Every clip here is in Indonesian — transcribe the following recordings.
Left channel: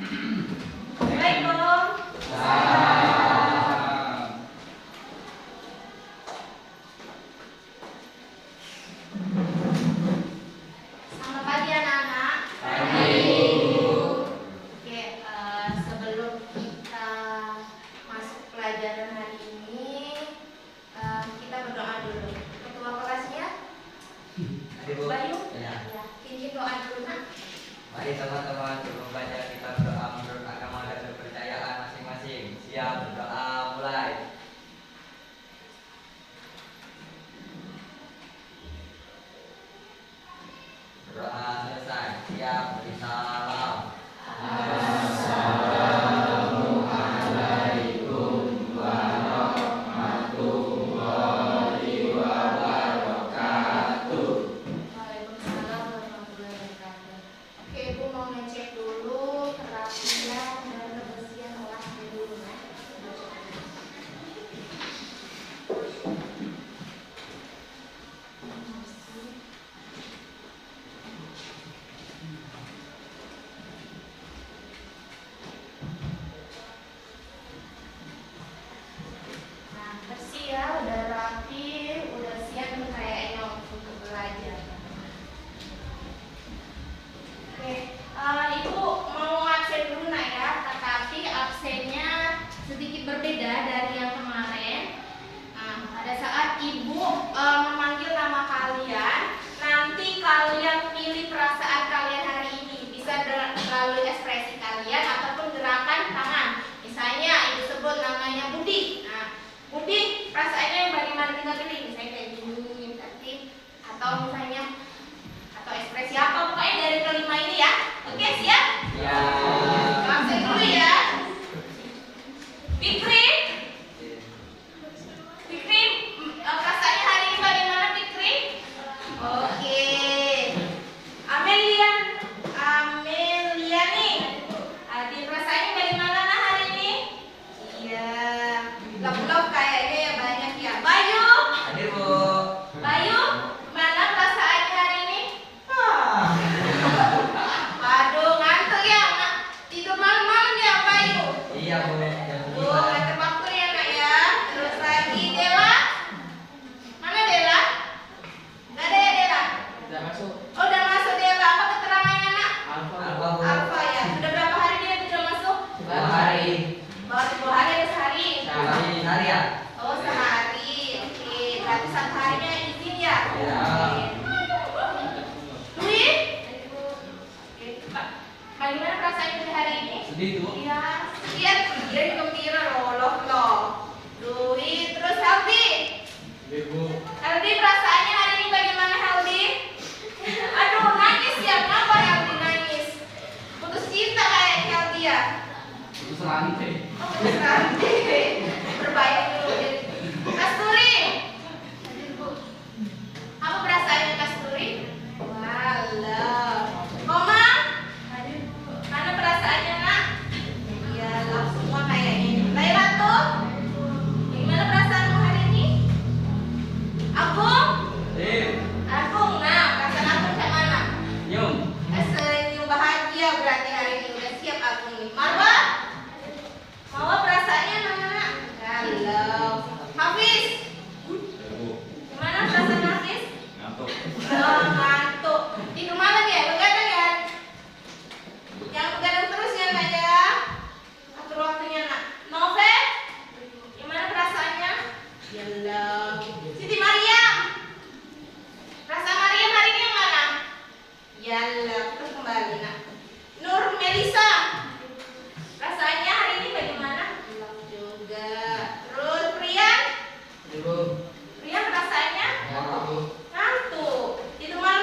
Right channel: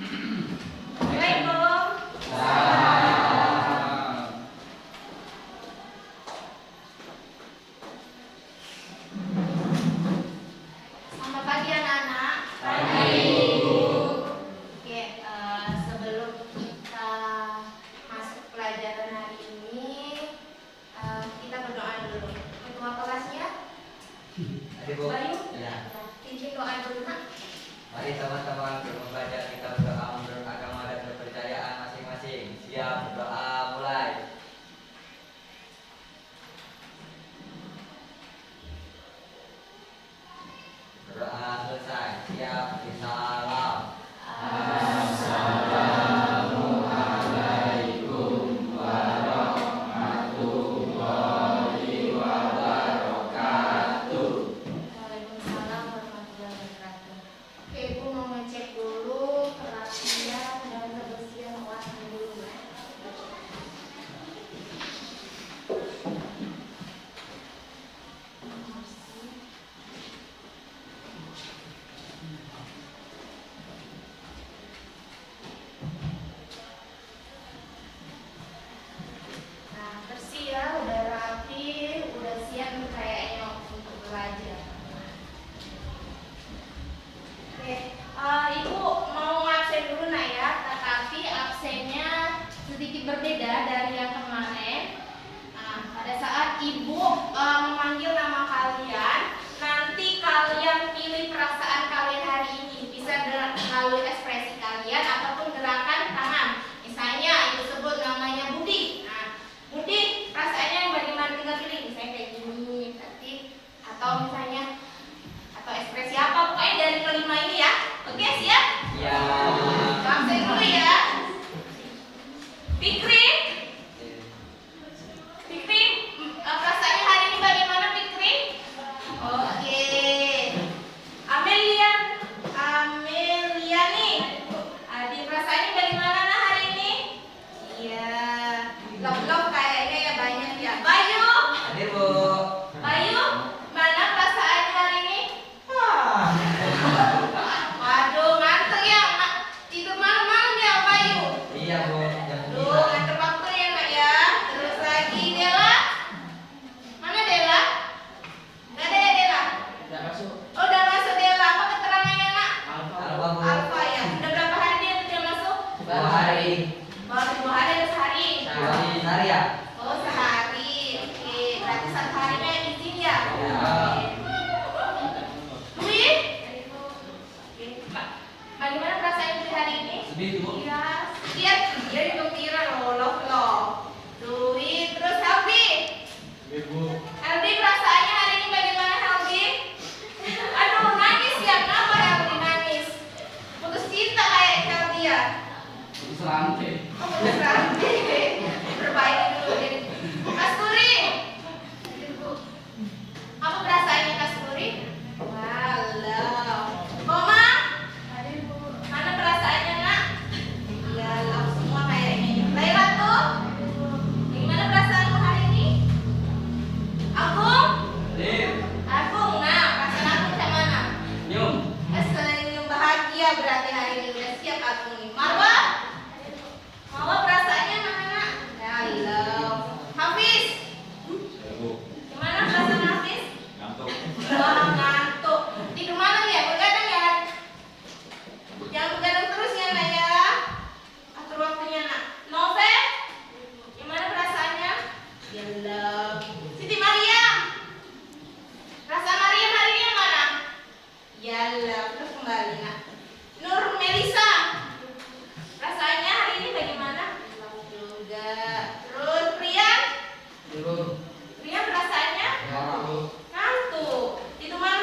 Selamat pagi anak-anak. Oke, sebelum kita masuk pelajaran hari ini, kita berdoa dulu. Ketua kelasnya, Bayu, izin doa dulu nak. Mari teman-teman kita belajar kitab doa menurut agama dan kepercayaan masing-masing. Siap, berdoa mulai. Berdoa selesai. Siap, beri salam. Assalamualaikum warahmatullahi wabarakatuh. Waalaikumsalam warahmatullahi wabarakatuh. Oke, Ibu mau ngecek dulu kerapian dan kebersihan kelas dulu ya. Nah, bersih ya, udah rapi, udah siap nih kayaknya untuk belajar. Oke, Ibu mau ngabsen dulu nak ya, tetapi absennya sedikit berbeda dari yang kemarin. Nah, pada saat Ibu memanggil nama kalian, nanti kalian pilih perasaan kalian hari ini, bisa melalui ekspresi kalian ataupun gerakan tangan. Misalnya Ibu sebut namanya Budi. Nah, Budi, perasaannya yang bagaimana kita pilih? Misalnya kayak gini, tadi, atau misalnya atau ekspresi apa pokoknya dari kelima ini ya. Oke, siap? Ya. Absen dulu ya. Fikri, perasaannya hari ini bagaimana Fikri? Oke. Amelia nih. Adi, perasaannya bagaimana nah hari ini? Iya. Love kayaknya ya banyak ya. Bayu, Hadir, Bu. Bayu, mana perasaannya hari ini? Waduh, ngantuk ya, nak. Tidur malam-malam ya, Bayu. Iya, Bu. Jam Tuh, 9. ngantuk waktu ya, Nak ya. Terus lagi Dela. Mana Dela? Nggak ada ya, Dela? Tidak masuk. Oh, udah masuk Dela. Apa keterangannya, Nak? Alfa, Bu. Alfa ya. Sudah berapa hari dia sudah masuk? 2 hari. Baru 2 hari atau sehari? Sehari ya? Oh, sehari. Oke, berarti 1 harinya izin ya? Ya. Dwi? Oke, Pak. Bagaimana perasaan Dwi hari ini? Sedih, Bu. Iya, dia gembira loh. Dwi, terus Heldi. Bu. Heldi, perasaannya hari ini bagaimana Heldi? Aduh, nangis ya, kenapa Heldi nangis? Putus cinta kayak Heldi ya? Selantai. Oh, putus rantai. Perbaiki dulu. Kasturi. Apa perasaannya Kasturi? Walau. Koma? Mana perasaannya nak? Iya, love semua kayaknya. Laila tuh? Gimana perasaanmu hari ini? Agung? Agung, nah perasaan Agung kayak mana? Nyum. Senyum bahagia berarti hari ini udah siap Agung nih. Marwa? Marwa perasaannya mana? Halo. Hafiz? Gimana perasaan Hafiz? Oh, ngantuk. Tidur malam ya? Begadang ya? Jangan begadang terus ya nak ya. Atur waktunya nak. Novel? Gimana perasaannya? Yalah. Siti Mariam? Perasaan Mariam hari ini mana? Yalah, terus kembali nak. Nur Melisa? Perasaannya hari ini bagaimana? Hilang juga. Terus Priyan? Priyan perasaannya? Ngantuk. Itu mana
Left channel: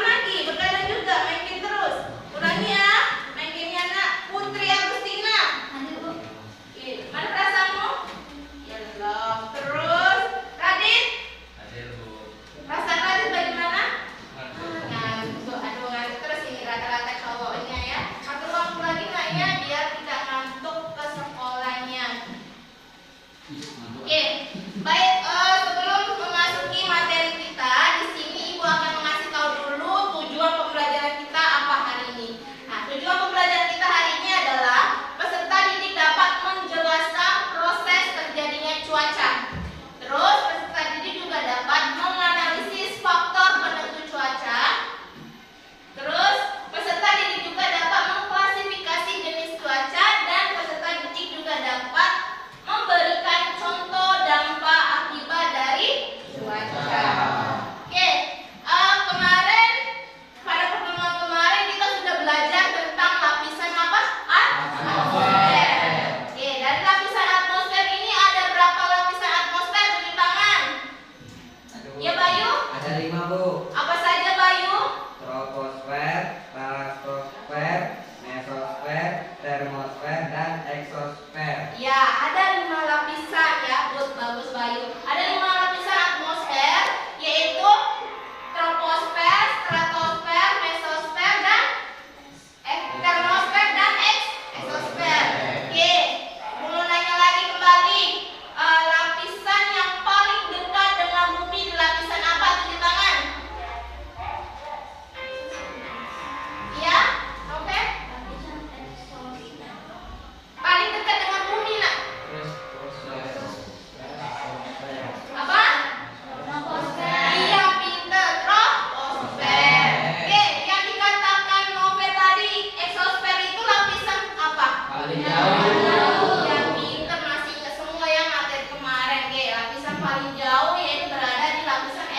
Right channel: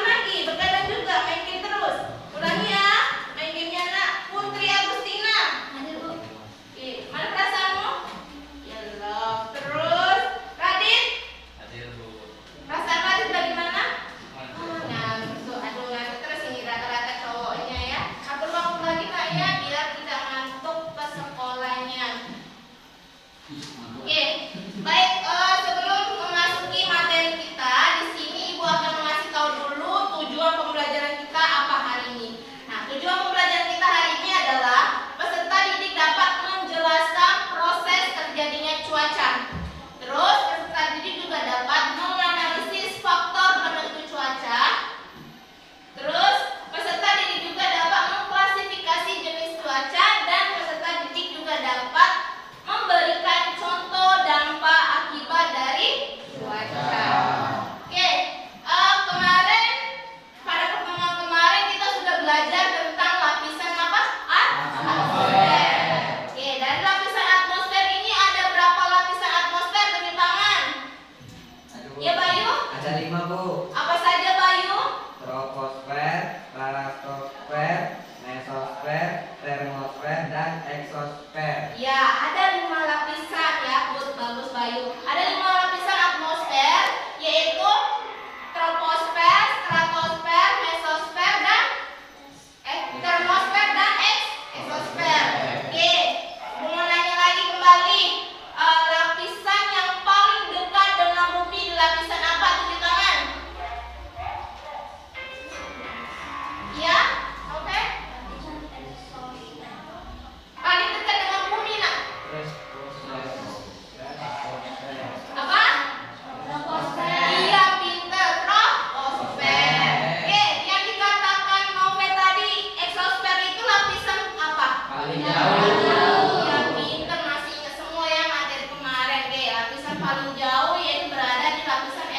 Paling jauh. Yang pinter masih ke semua ya materi kemarin ke lapisan paling jauh yaitu berada di lapisan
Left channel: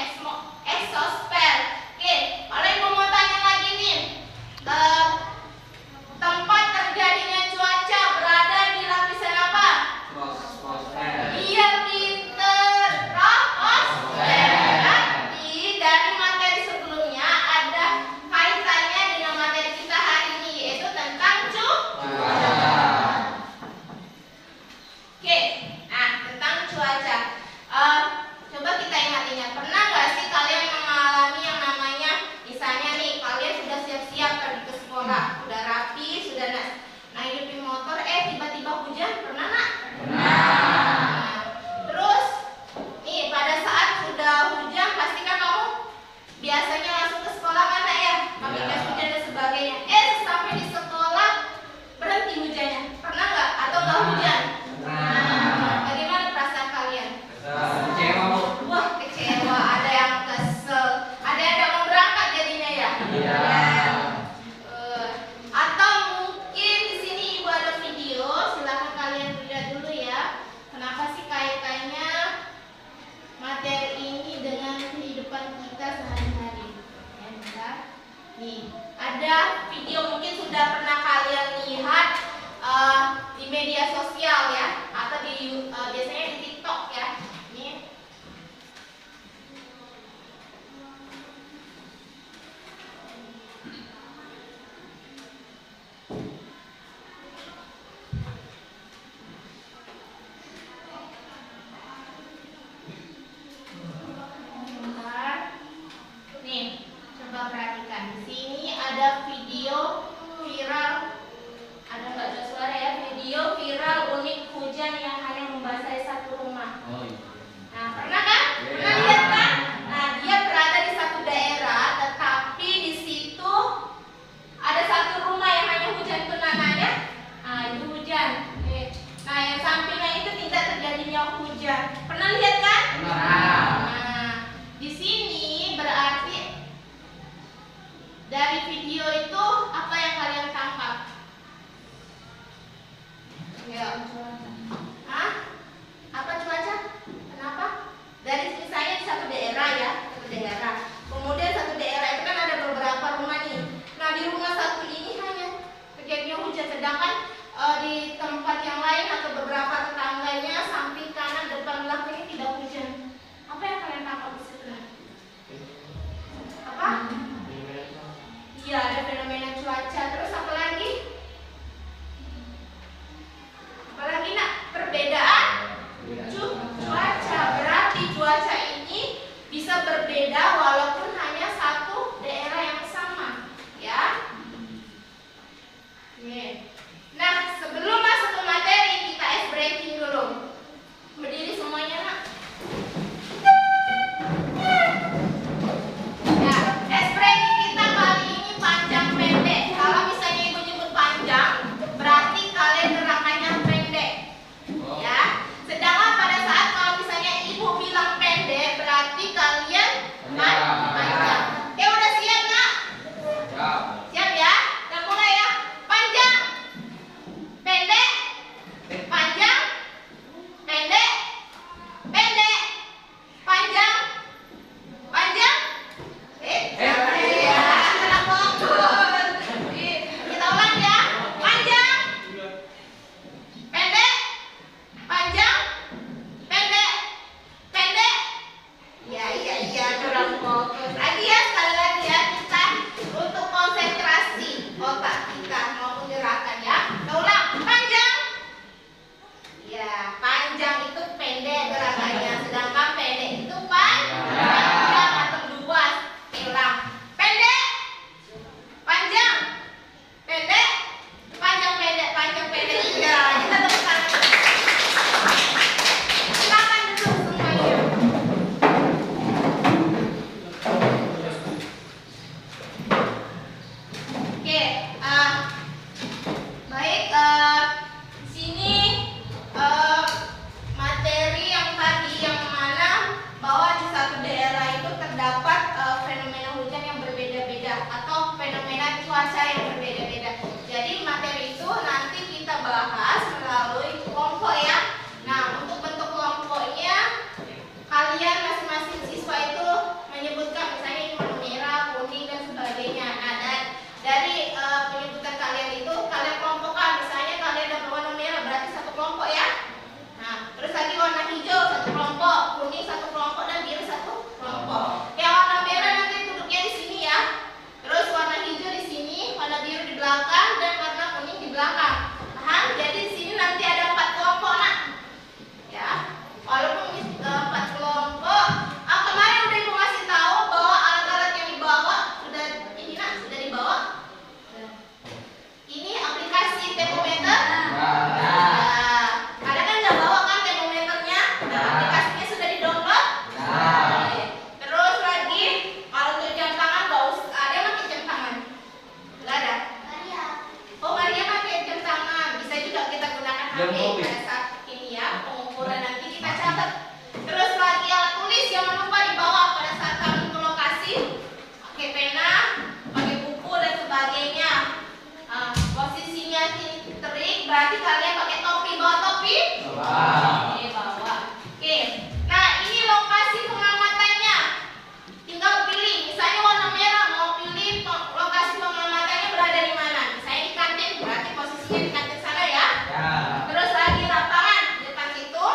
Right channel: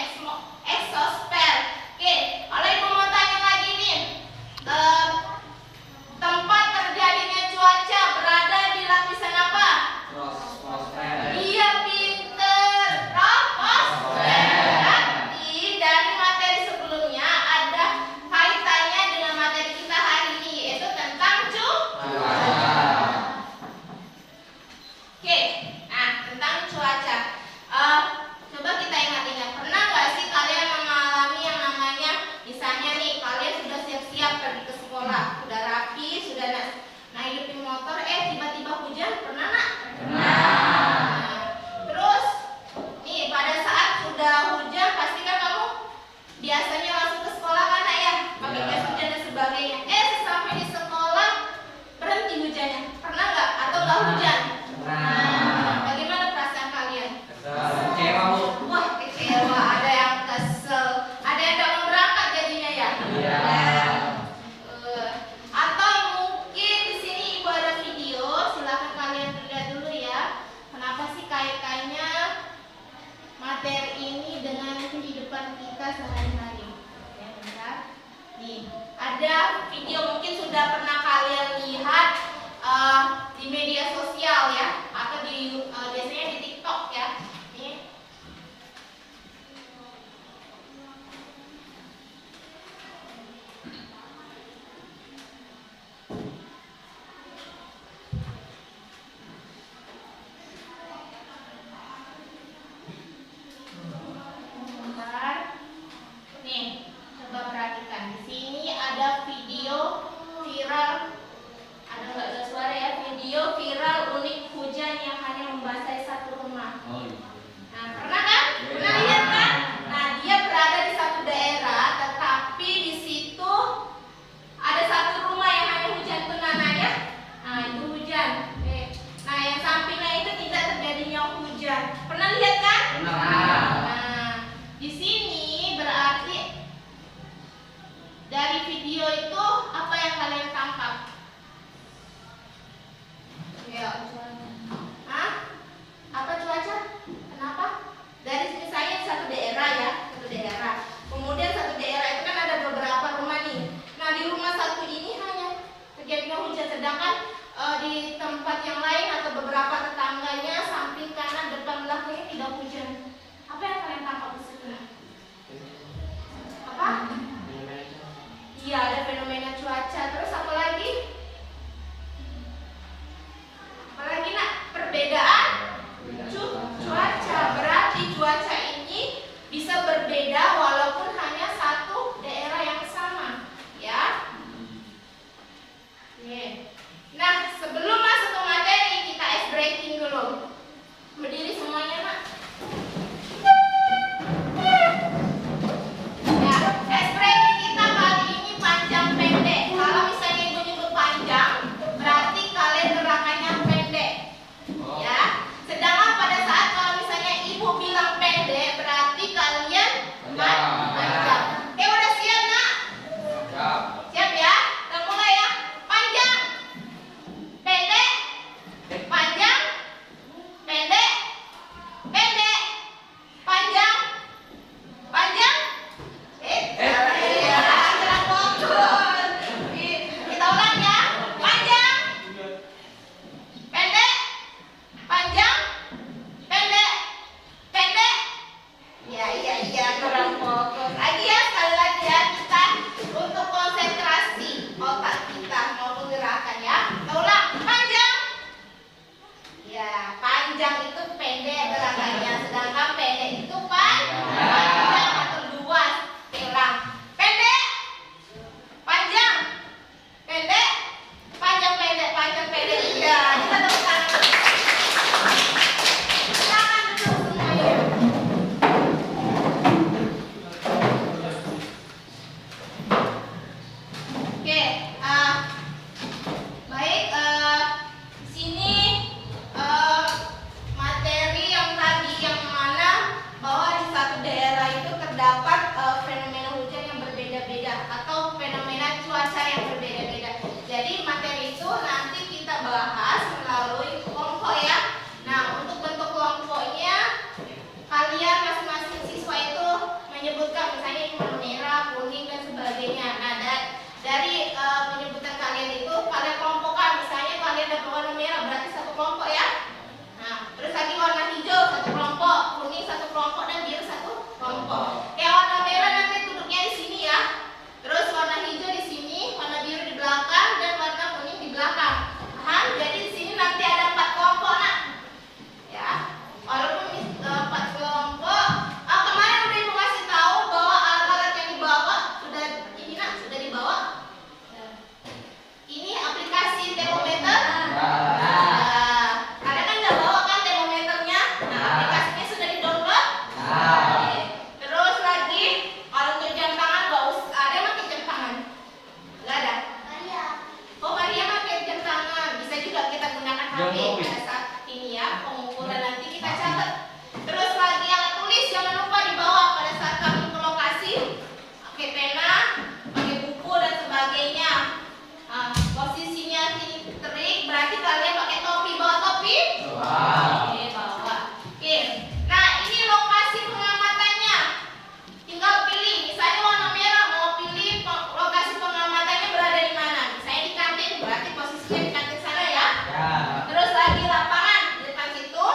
eksosfer. Oke, kalau ibu mau tanya lagi nih, tempat terjadinya cuaca berada di lapisan apa? Iya pinter, troposfer. Nanti dari materi sebelumnya ada kaitannya dengan materi kita hari ini yaitu tentang cuaca. HP pada saat ini ya, pengukuran nanti kita catat. Terus lagi alat tulis jangan lupa dibawa pada saat kami ke lokasi. Pakai pena, pakai buku dan sebagainya. Posisinya terik berarti kalian pakai topi, bawa topi? Oke, bawa. Oke. Nah, ini lokasi pengamatannya. Tinggal pilih, misalnya warna merah mau pilih lokasi pengamatannya berada di mana? Misalnya di kantin, berarti posisinya di kantin sana ya. Terus lagi lapangan di depan situ,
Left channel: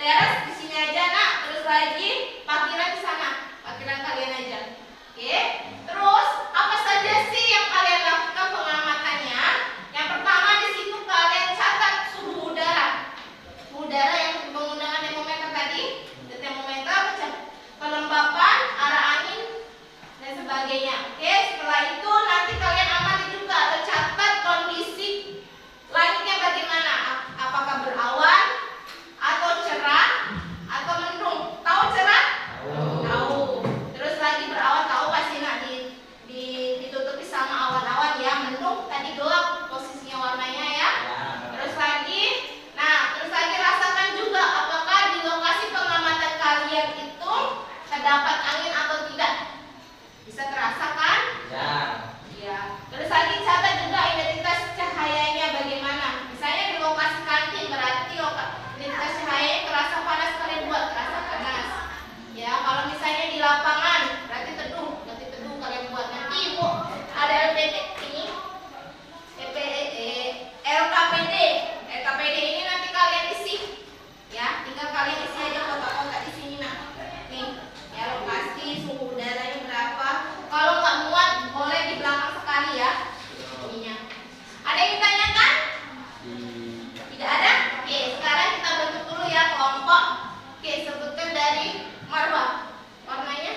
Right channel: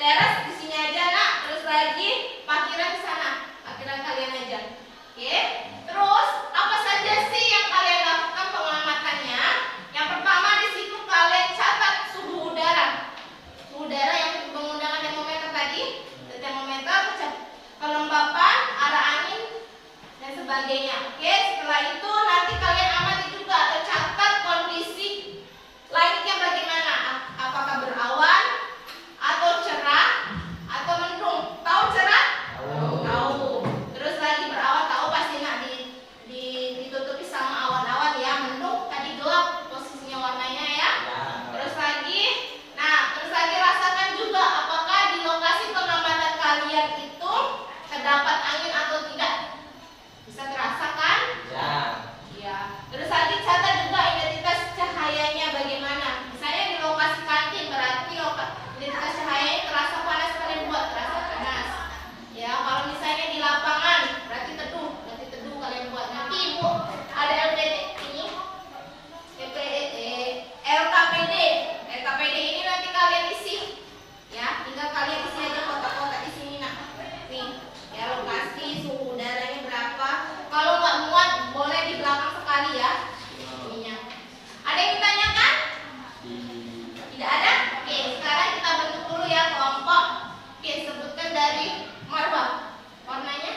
teras di sini aja nak. Terus lagi parkiran di sana, parkiran kalian aja. Oke. Terus apa saja sih yang kalian lakukan pengamatannya? Yang pertama di situ kalian catat suhu udara. Suhu udara yang menggunakan termometer tadi, termometer, kelembapan, arah angin dan sebagainya. Oke, setelah itu nanti kalian amati juga atau catat kondisi langitnya bagaimana. Apakah berawan atau cerah atau mendung? Tahu cerah? Tahu. Terus lagi berawan tahu pasti nak ditutupi sama awan-awan ya. Mendung tadi gelap posisinya warnanya ya. Terus lagi rasakan juga apakah di lokasi pengamatan kalian itu terdapat angin atau tidak. Bisa terasa kan? Ya. Terus lagi catat juga identitas cahayanya bagaimana. Misalnya di lokasi kantin berarti identitas cahayanya terasa panas kalian buat terasa panas. Ya, kalau misalnya di lapangan berarti teduh kalian buat. Nanti Ibu ada LKPD ini nanti kalian isi. Ya, tinggal kalian isi aja kotak-kotak di sini nak. Nih, ya lokasi suhu udaranya berapa. Kalau nggak muat boleh di belakang sekali ya. Ininya. Ada yang ditanyakan? Tidak ada? Oke, sekarang kita bentuk dulu ya kelompok. Oke, sebutkan dari Marwa. Warnanya?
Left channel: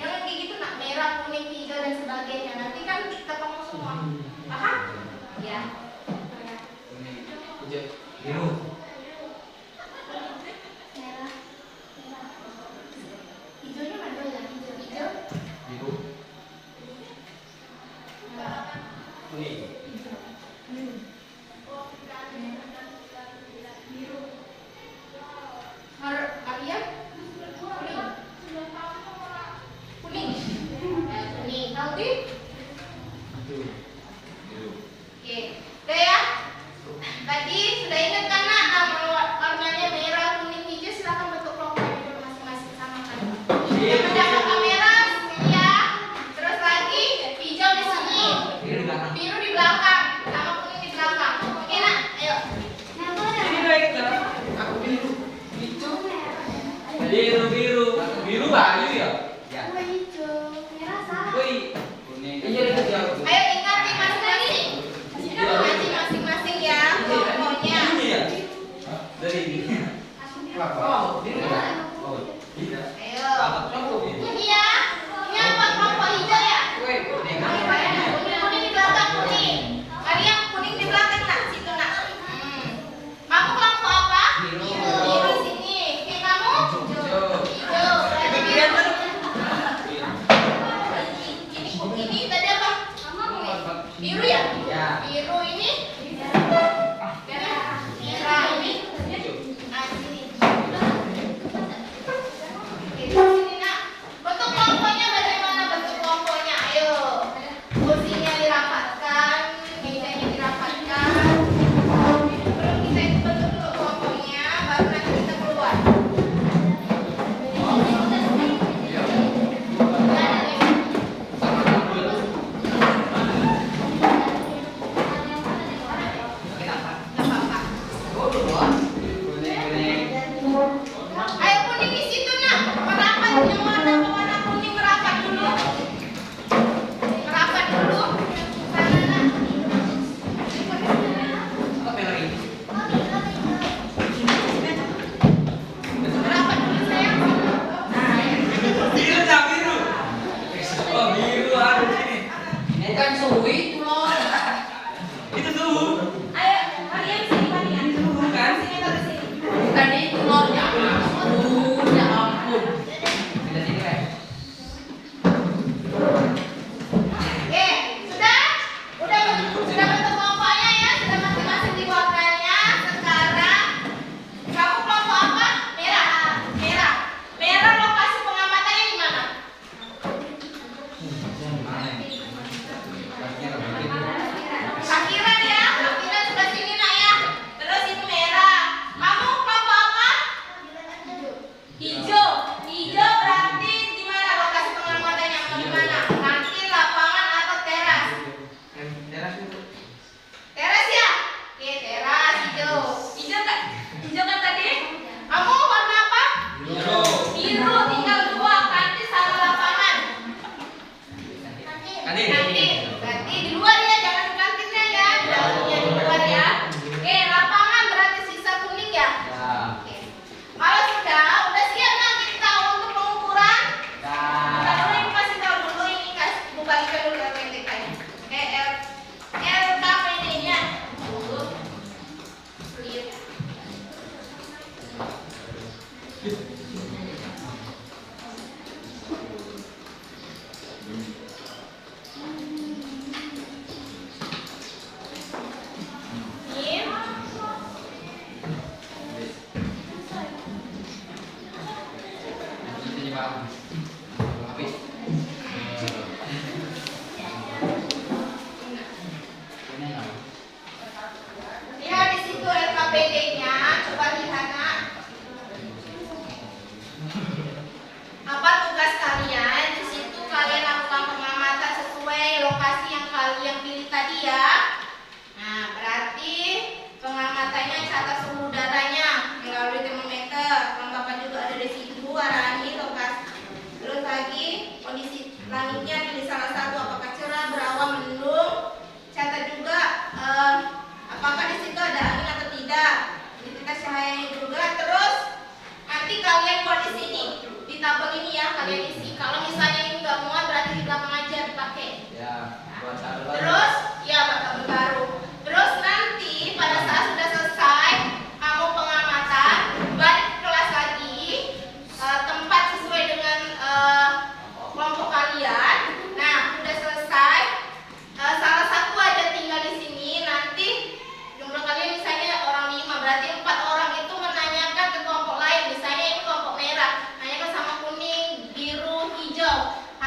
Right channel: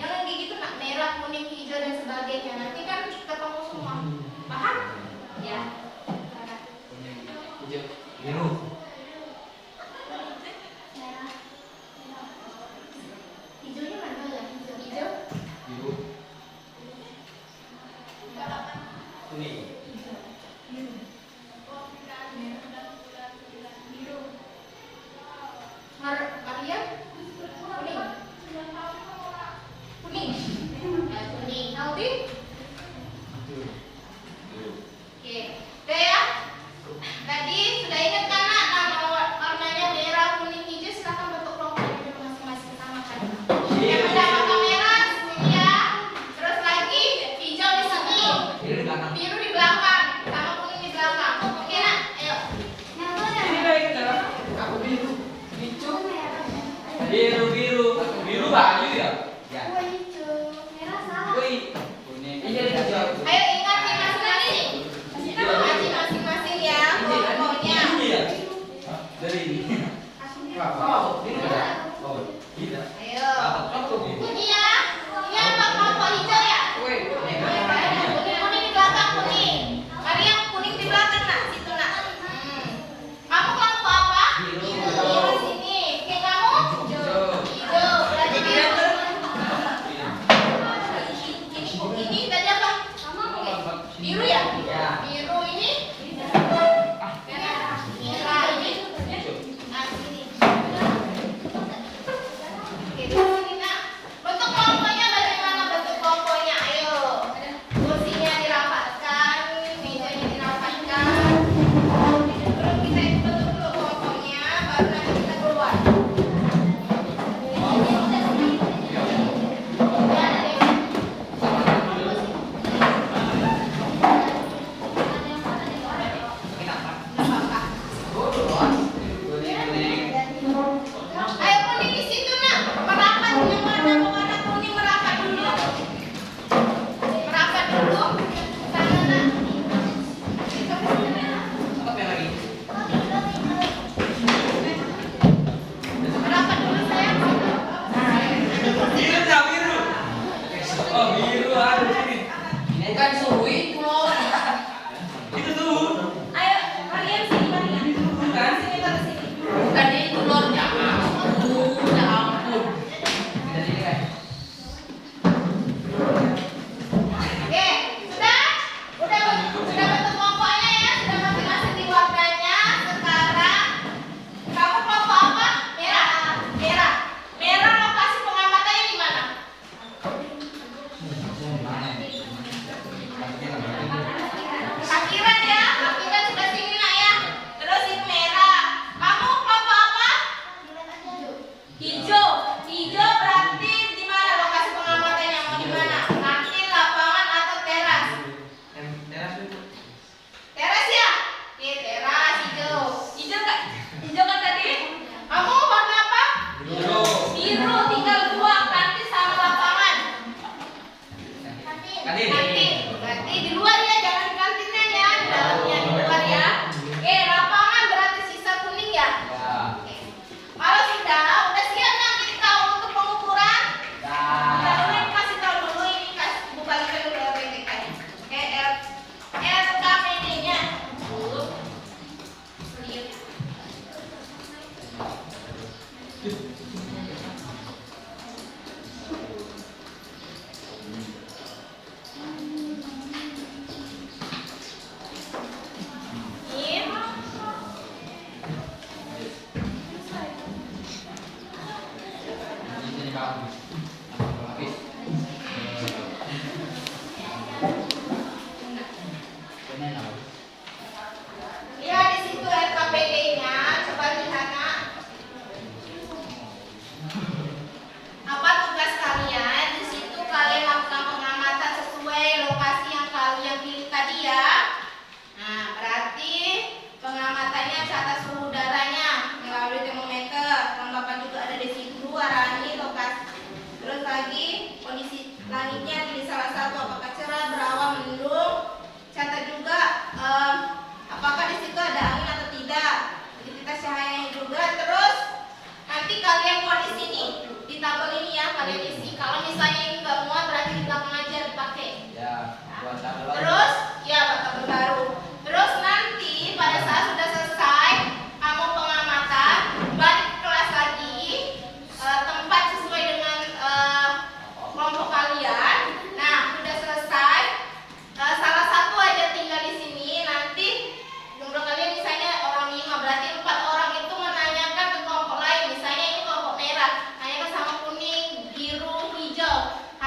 Jangan kayak gitu nak, merah, kuning, hijau dan sebagainya. Nanti kan ketemu semua. Paham? Ya. Biru. Merah. Hijaunya mana ya? Hijau. Biru. Kuning. Biru. Kalian? Kuning. Kuning. Ya, kuning. Naudi? Oke. Udah ya? Tadi sudah ingat kan nak nama warnanya merah, kuning, hijau. Silakan bentuk kelompoknya dulu masing-masing sama kan. Yang pertama kamera sini ya. Terus lagi hijau di sini. Biru di belakang. Sama kuning di belakang. Oke nak? Ayo. Aku biru. Biru Bayu ya? Ayo ingati masing-masing. Ingati masing-masing ya kelompoknya. Dari ini. Ayo. Ini ya. Ini apa kelompok hijau ya? Kuning di belakang kuning. Maria kuning di belakang nak, situ nak. Kamu kelompok apa? Biru sini. Oke kamu? Hijau. Berarti biru. Ini tadi apa? Biru ya? Biru ini? Merah ini? Nah sini. Oke sini nak. Bentuk kelompoknya bagaimana bentuk kelompoknya? Ayo. Kursinya dirapatkan, mejanya dirapatkan. Belum kita bentuk dulu kelompoknya, baru nanti kita keluar. Ayo kuning di situ nak, merapat yang warna kuning merapat dulu. Merapat dulu. Sana nak. Merapat dulu sayang. Ada kursi. Bukan suwi pulau. Ayo kalian sini bandingan. Sini taruh sini. Bukan itu telurnya. Ya ampun. Tidak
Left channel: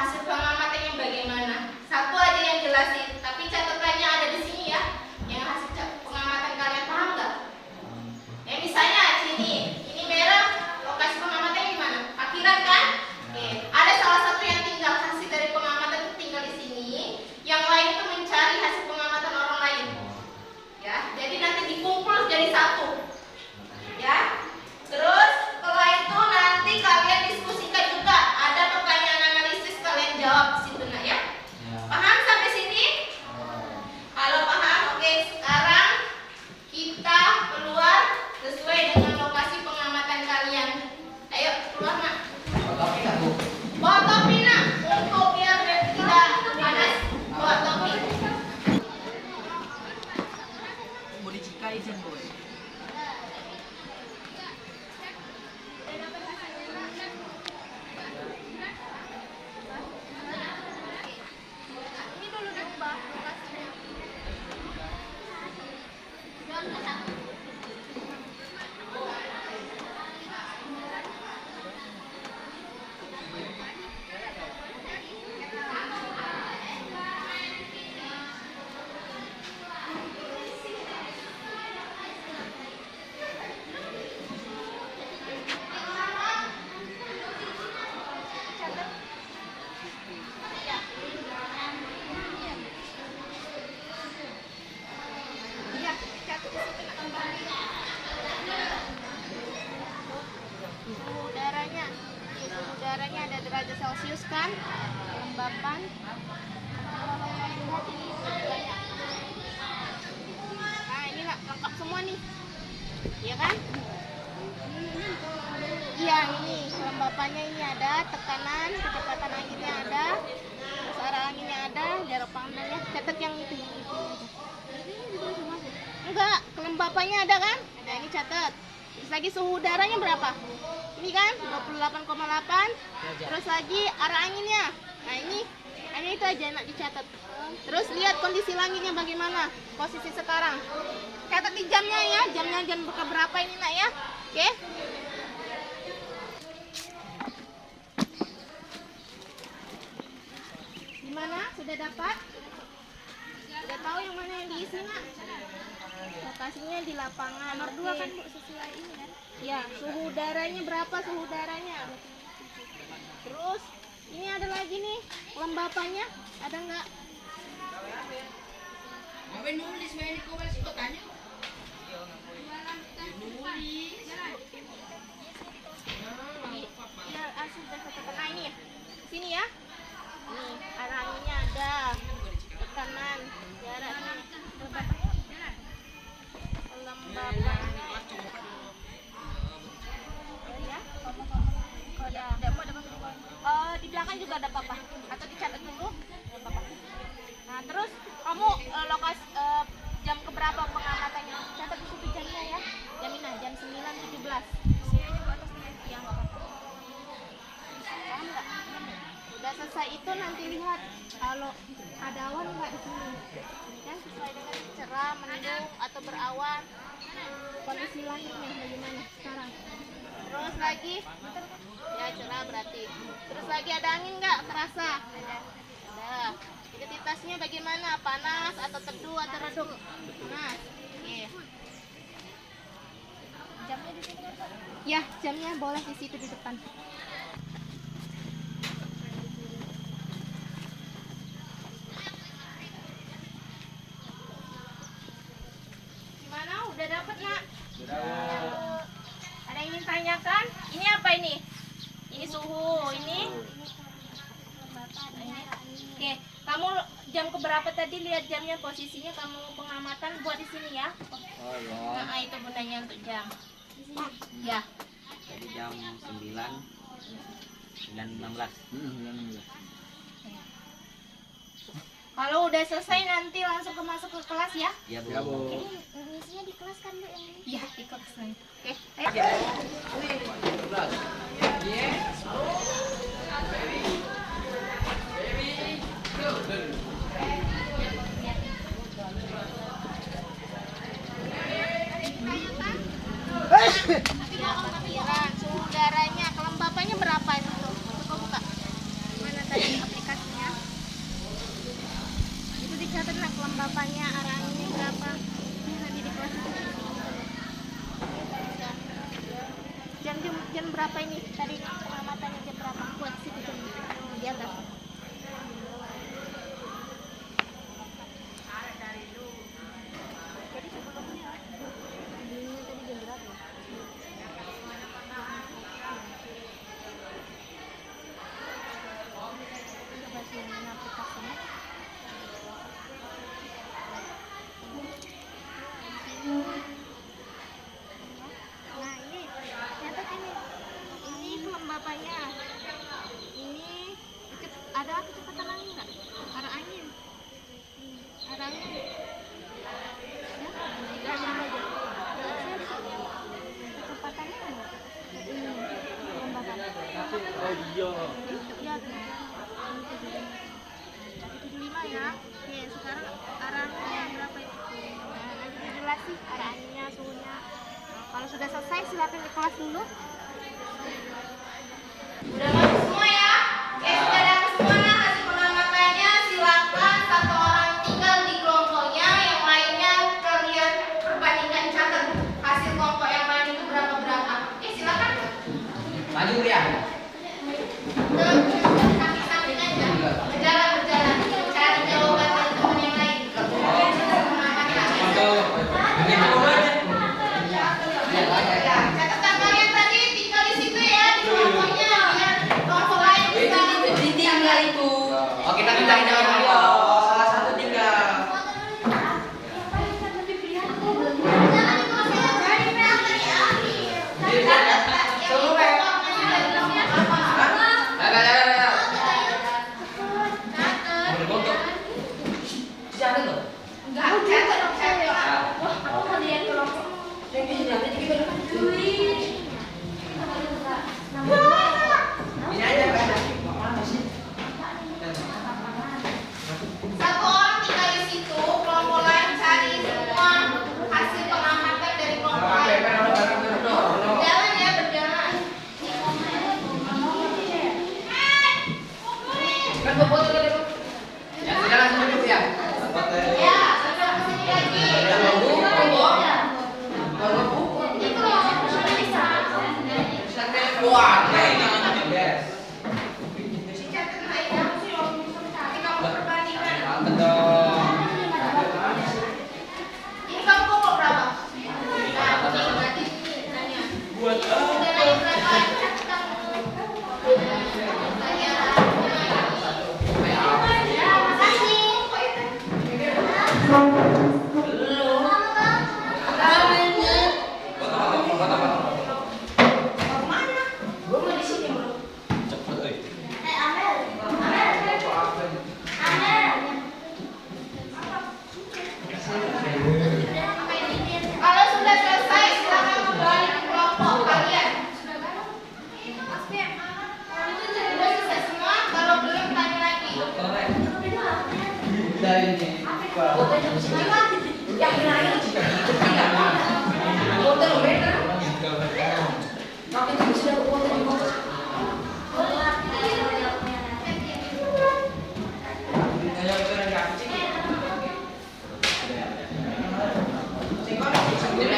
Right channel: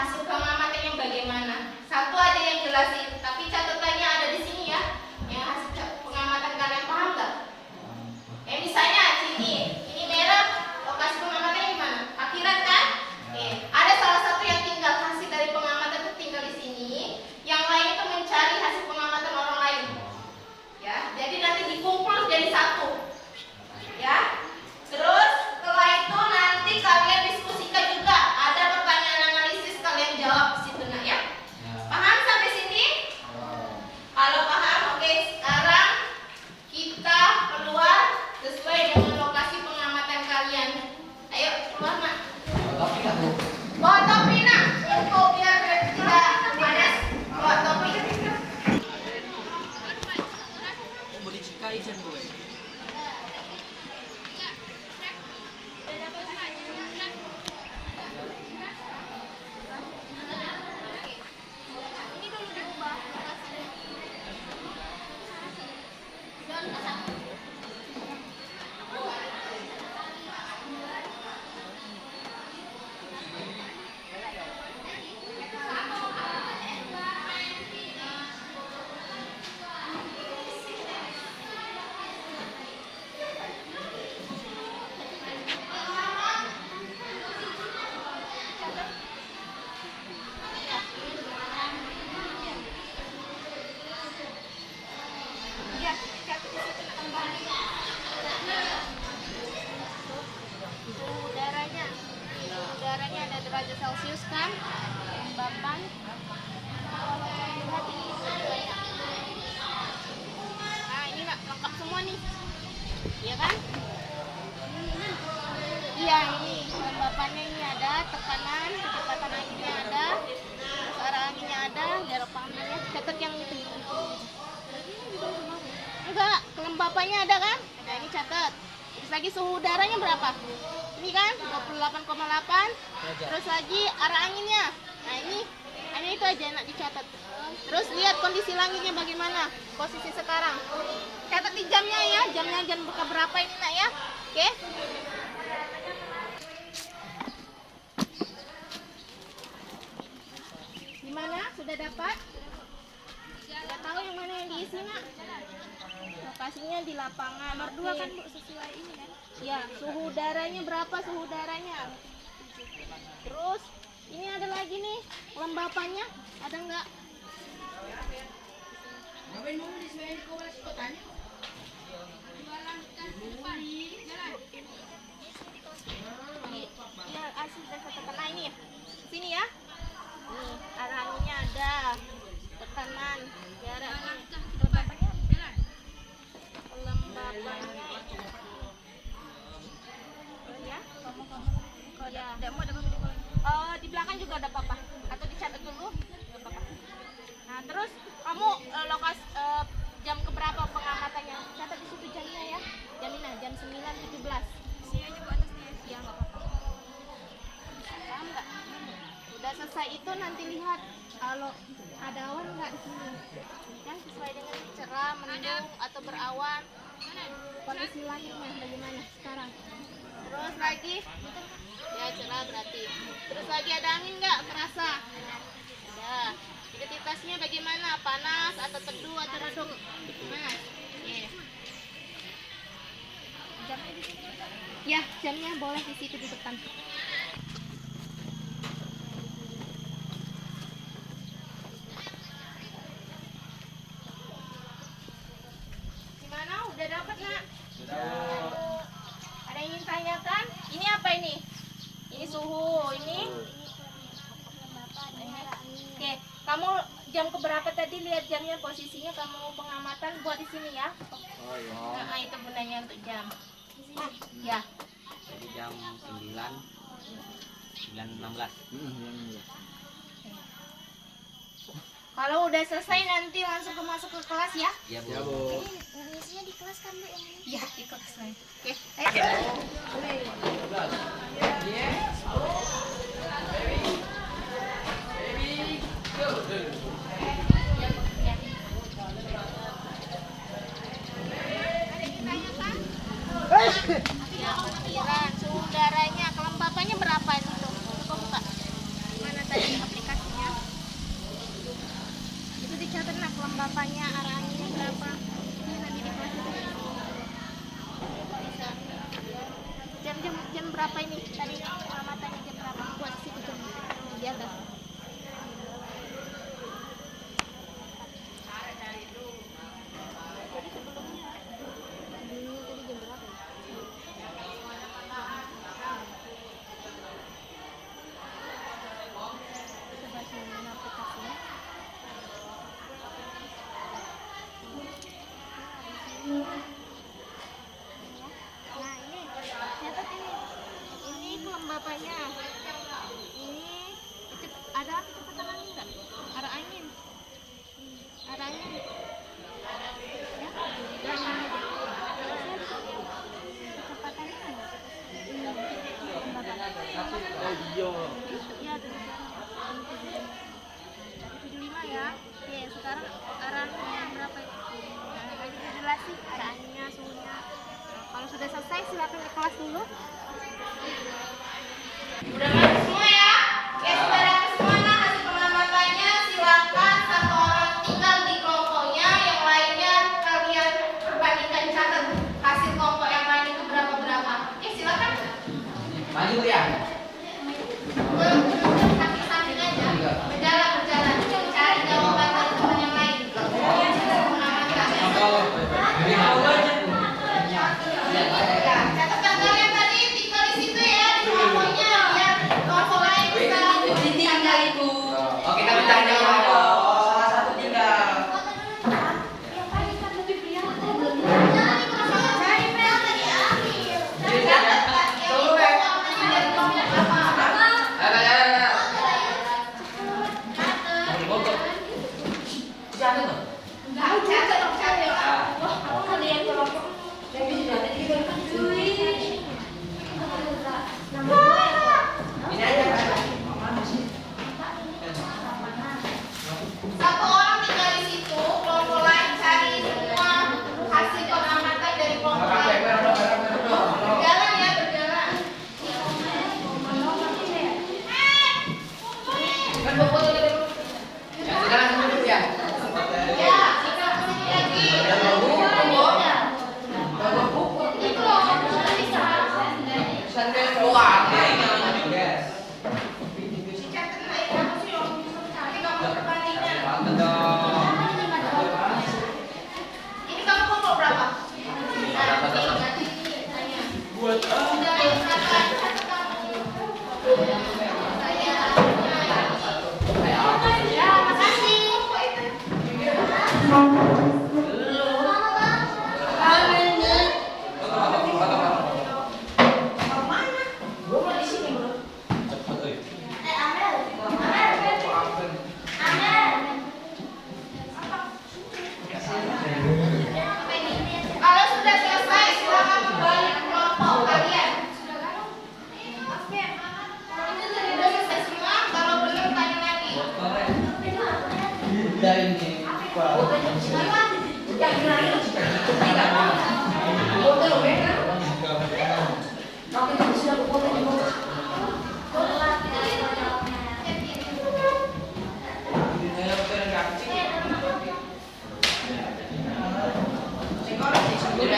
hasil pengamatannya bagaimana. Satu aja yang jelasin, tapi catatannya ada di sini ya. Yang hasil pengamatan kalian paham nggak? Ya misalnya ini merah, lokasi pengamatannya di mana? Parkiran kan? Oke. Ada salah satu yang tinggal hasil dari pengamatan itu tinggal di sini. Yang lain itu mencari hasil pengamatan orang lain. Ya, jadi nanti dikumpul jadi satu. Ya. Terus setelah itu nanti kalian diskusikan juga. Ada pertanyaan analisis kalian jawab di situ nak ya. Paham sampai sini? Kalau paham, oke. Sekarang kita keluar sesuai dengan lokasi pengamatan kalian. Ayo keluar nak. Bawa topi nak. Untuk biar tidak panas. Bawa topi. Mau dicikai Jan boy. Ini dulu diubah lokasinya. Iya, catat di situ nak. Suhu udaranya. Suhu udaranya ada derajat Celcius kan? Kelembapan. Kalau mau dilihat ini banyak. Nah, ini nak lengkap semua nih. Iya kan? Iya, ini kelembapannya ini ada, tekanan, kecepatan anginnya ada, terus arah anginnya ada, jarak pandangnya. Catat yang itu aja. Enggak, kelembapannya ada kan? Ada, ini catat. Terus lagi suhu udaranya berapa? Ini kan 28,8. Terus lagi arah anginnya. Nah, ini hanya itu aja nak dicatat. Terus lihat kondisi langitnya bagaimana? Posisi sekarang. Catat di jamnya ya, jamnya jam berapa ini nak ya? Oke? Gimana? Sudah dapat? Sudah tahu yang mana yang diisi nak? Lokasinya di lapangan. Nomor 2 kan Bu, sesuai ini kan? Ya, suhu udaranya berapa suhu udaranya? Terus ini ada lagi nih, kelembapannya ada nggak? Iya, asli dan catatan. Nah ini, sini ya. Nih, arah anginnya ada, tekanan, jaraknya, kelembapannya. Kelembapannya itu. Oh ya, kalau ya. Ada apa di bawahnya? Di belakang juga ada apa-apa. Atau dicatat dulu, nggak apa-apa. Nah, terus kamu lokasi jam keberapa pengamatannya? Catat di situ jamnya ya. Jam 9.17. Sini aja Bu atasnya. Iya, nggak apa-apa. Paham nggak? Udah selesai itu nanti lihat kalau ada awan nggak di sini. Yang sesuai dengan cerah, mendung atau berawan. Kondisi langitnya bagaimana sekarang? Terus lagi, ya cerah berarti. Terus lagi ada angin nggak terasa? Ada. Identitasnya bagaimana? Panas atau teduh atau redup? Panas. Oke. Jamnya di sini kan? Ya, jamnya boleh di situ di depan. Gimana? Udah dapet nak? Sudah. Ada yang ingin tanyakan? Ini apa ini? Ini suhu, ini. Oke, kamu jam keberapa tadi lihat jamnya posisinya kamu pengamatan buat di sini ya? Oh iya. Nah, itu gunanya untuk jam. Ya. Jadi jam 9.16. Kalau udah selesai nanti langsung masuk ke kelas ya? Iya Bu. Ngisinya di kelas kan Bu yang ini? Iya, di kelas. Oke. Ayo. Ada yang ditanyakan? Ya, parkiran, suhu udaranya, kelembapannya berapa itu tuh? Coba buka. Mana tadi aplikasi? atas. Jadi sebelumnya tadi jam berapa ya? Coba sini aplikasinya. Nah ini catat ini bapaknya ini ada kecepatan angin nggak? Arah angin arah angin ya dan aja kecepatannya ini bapak iya tadi 75 ya. Oke sekarang arah anginnya berapa ini? Nah, lagi jelas sih arah anginnya suhunya. Nah, kalau sudah selesai silakan ke kelas dulu. Udah masuk semua ya? Oke, sudah dapat semuanya hasil pengamatannya. Silakan satu orang tinggal di kelompoknya, yang lainnya kalian perbandingkan catat hasil kelompok yang lain itu berapa. Oke, silakan. Maju ya. Samping aja. Berjalan. Cari jawaban teman yang lain. Pengamatan. Ya, catatan kalian tadi tinggal di situ ya, di kelompoknya biar kelompok lain bisa Ditinggal itu. Oh, kita mencari jawaban. Salah satu tinggal. Ini aja kan. Satu orang tinggal di situ, kelompok lain cari semua hasil pengamatan dari kelompok lain. Berjalan ya, berjalan. Yang sekarang duduk ya. Ya, sekarang sini lagi. Yes. Catat lah ya, sih orang bisa cari kamu perbandingan. Ini kamu kelompok berapa? Nah, ini berarti ini saya. Udah naik satu lagi catat kamu. Saya. Terima kasih. Kalau sudah selesai, silakan kembali ke kelompok kalian. Sudah selesai semua, kalau belum tanya lagi.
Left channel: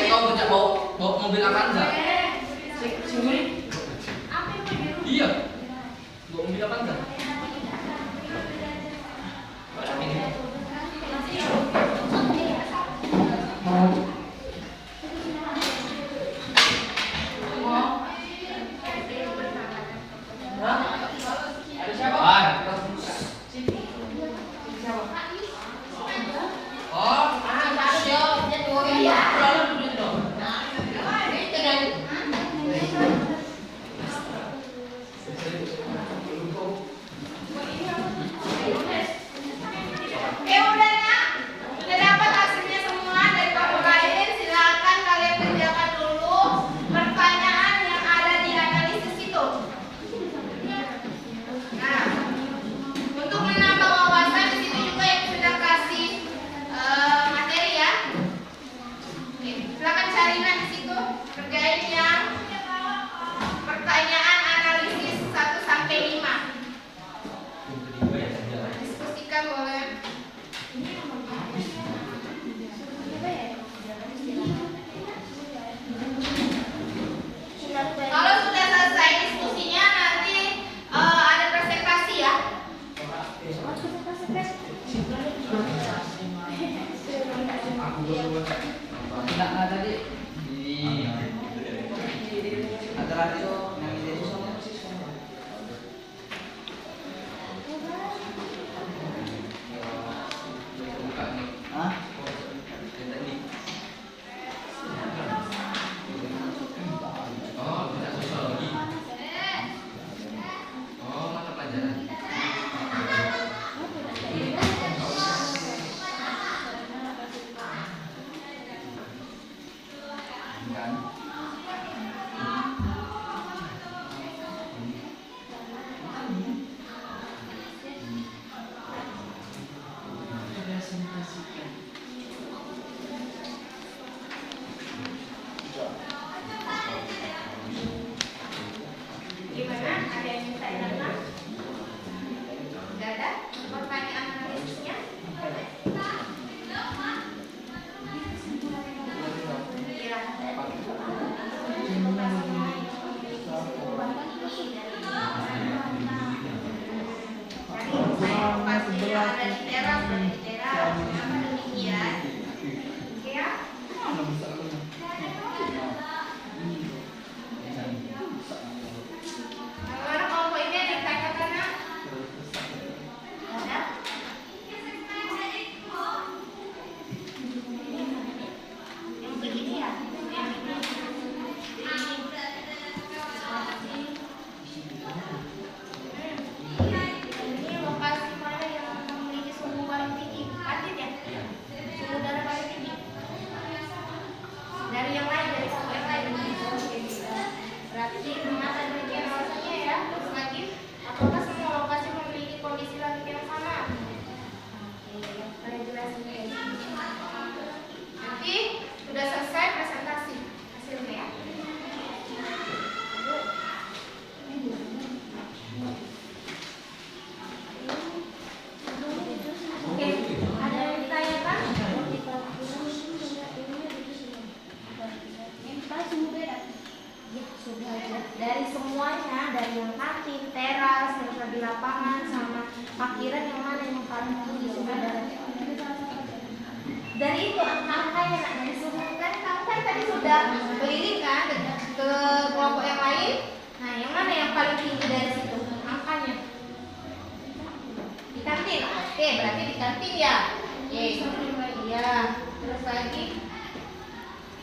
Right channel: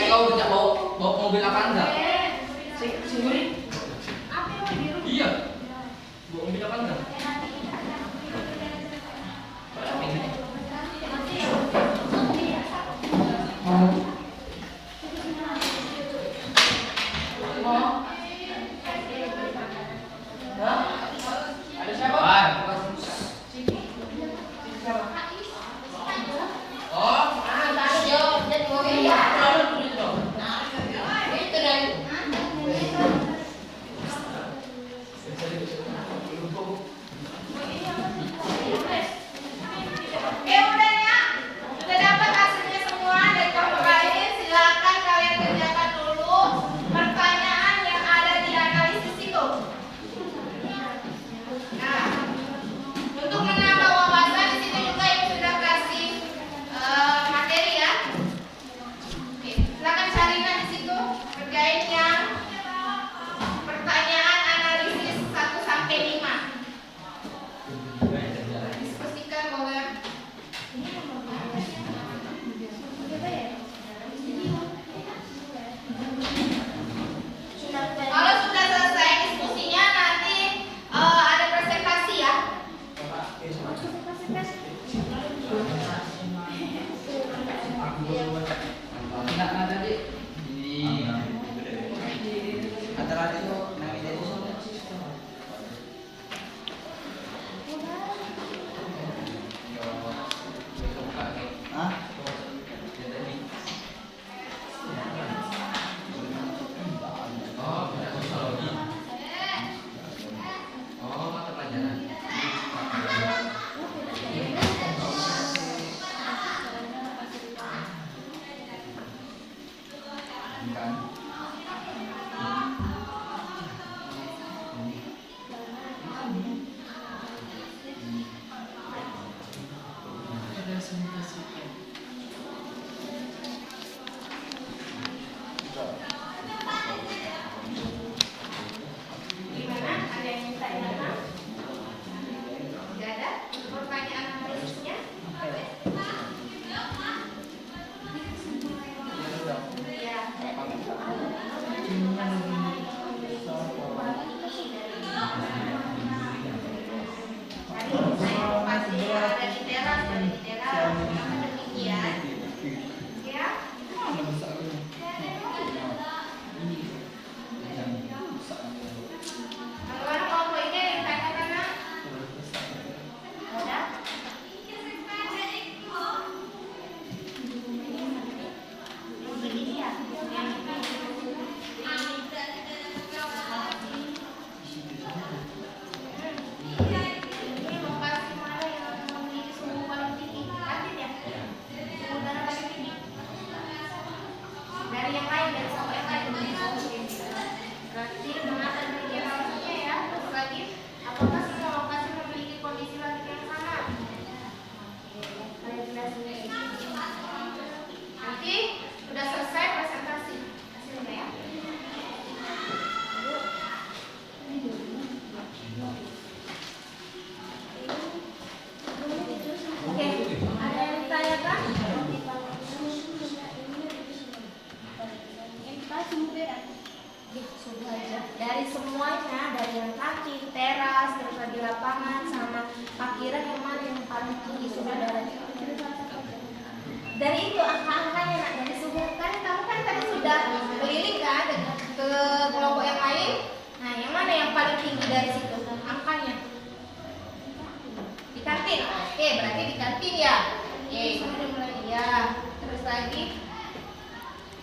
Kau minta bawa mobil apa enggak? Iya. Bawa mobil apa enggak? Ada siapa? Oh, parkiran yang mana yang paling tinggi suhu udaranya? Dari itu angka-angkanya nak, dari suhu kan kamu kan tadi sudah keliling kan ke kelompok yang lain. Nah, yang mana yang paling tinggi dari situ angkanya? Di kantin. Oke, berarti di kantin ya. Oke, iya. Terus lagi,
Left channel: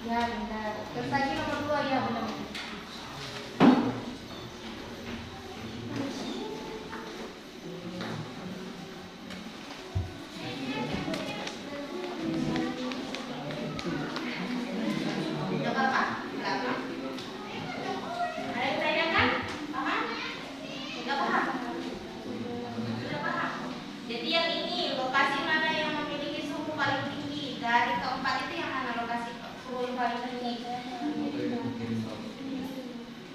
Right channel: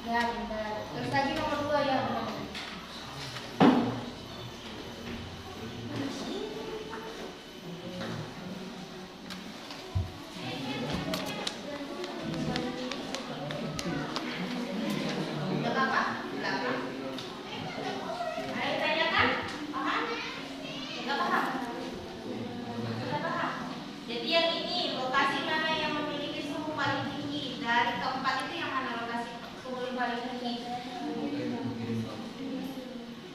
ya bentar. Terus lagi nomor 2 ya benar. Udah Bapak? Belakang. Ada yang tanyakan? Paham? Nggak paham? Sudah paham? Jadi yang ini lokasi mana yang memiliki suhu paling tinggi? Dari keempat itu yang mana lokasi suhu yang paling tinggi?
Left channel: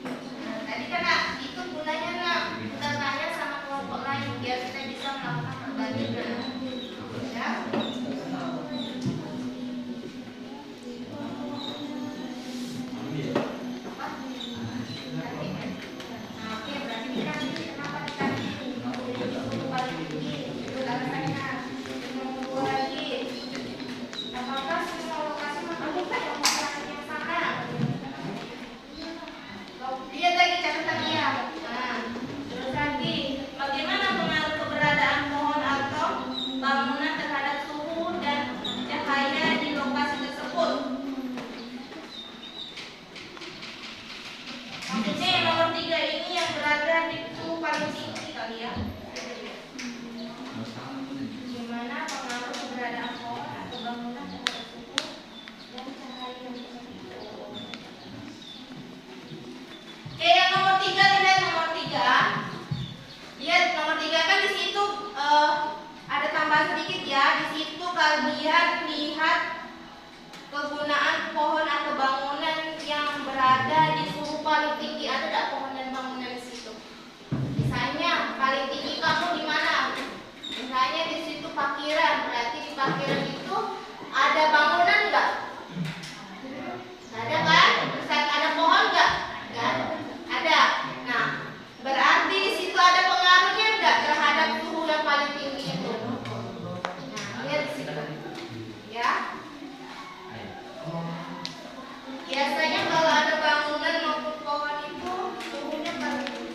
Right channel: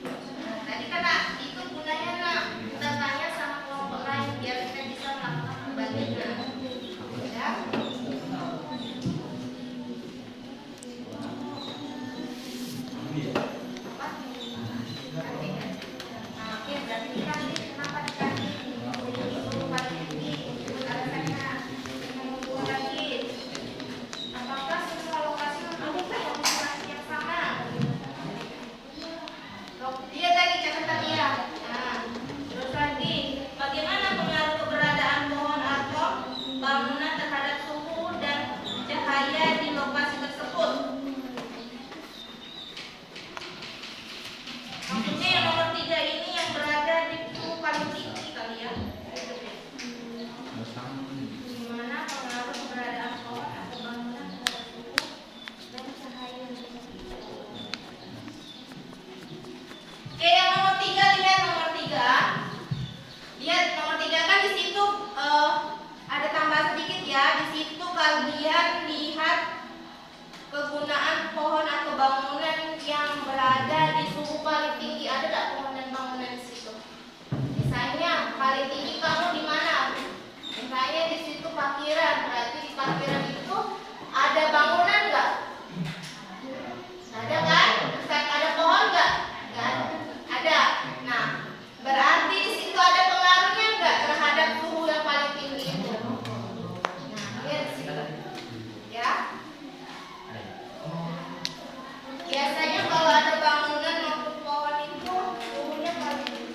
Nah, tadi kan nak, itu gunanya nak bertanya sama kelompok lain biar kita bisa melakukan perbandingan. Ya? Apa? Kantin ya? Nah, oke, berarti di kantin. Kenapa di kantin? Suhu paling tinggi. Sebut alasannya. Nomor 2 lagi. Apakah semua lokasi memiliki lokasi yang sama? Lihat lagi catatan dia. Nah, terus lagi, bagaimana pengaruh keberadaan pohon atau bangunan terhadap suhu dan cahaya di lokasi tersebut? Maksudnya yang nomor 3 ini yang berada di suhu paling tinggi kali ya. Gimana pengaruh keberadaan pohon atau bangunan terhadap suhu dan cahaya di tersebut? Oke, yang nomor 3 dilihat nomor 3. Lihat nomor 3 kan di situ ada tambahan sedikit ya. Di situ kalian lihat kegunaan pohon atau bangunan yang berada di suhu paling tinggi. Ada tidak pohon dan bangunan di situ? Misalnya paling tinggi kamu di mana? Misalnya di situ parkiran. Berarti di parkiran itu ada bangunan nggak? Ada kan? Terus ada pohon nggak? Nggak ada. Ada. Nah, berarti di situ ada pengaruhnya nggak terhadap suhu yang paling tinggi itu? Nah, lihat di situ. Ya. Biasanya kalau ada bangunan maupun pohon itu suhunya paling tinggi.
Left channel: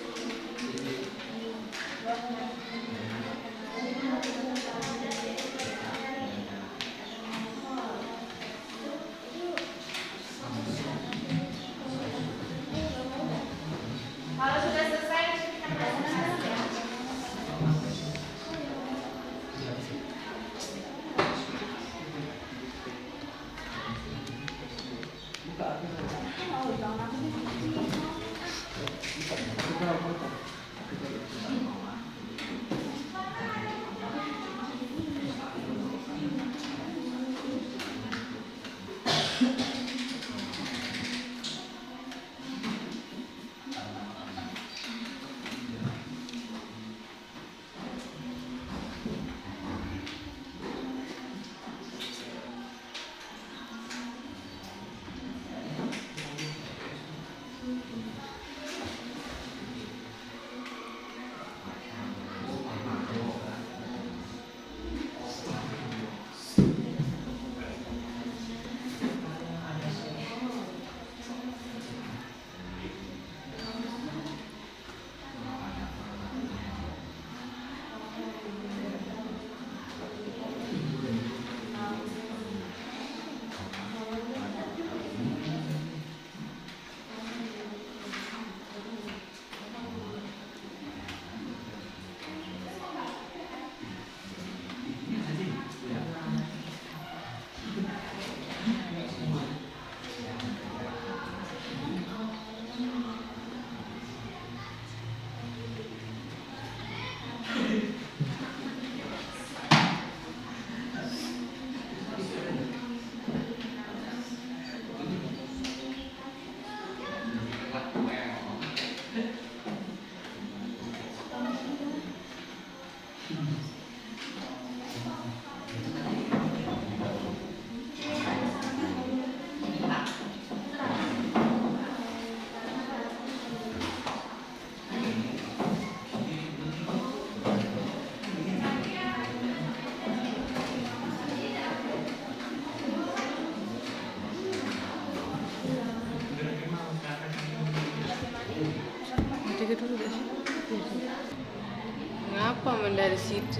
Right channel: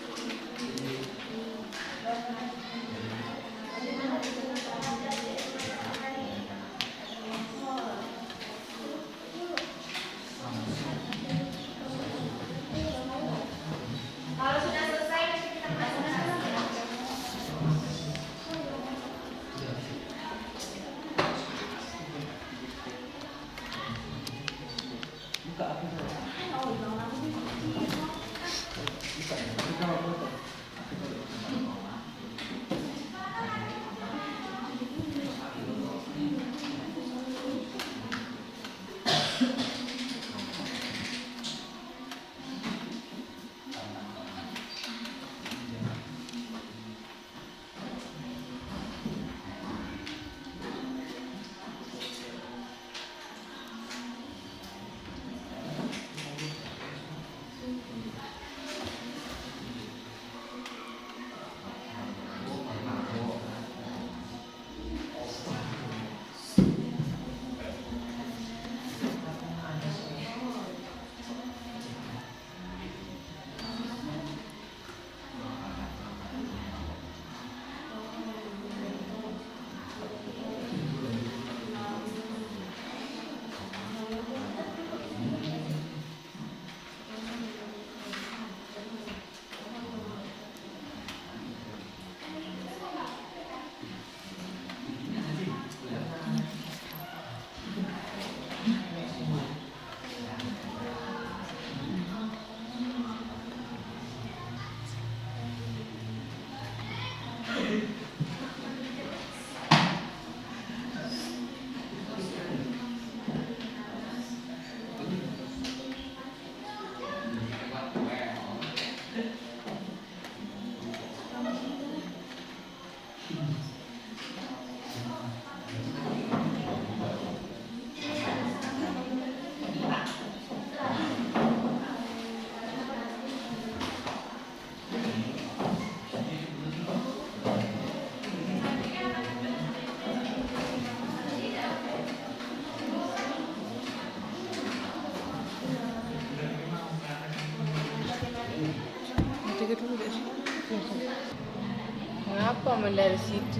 Komen dari situ.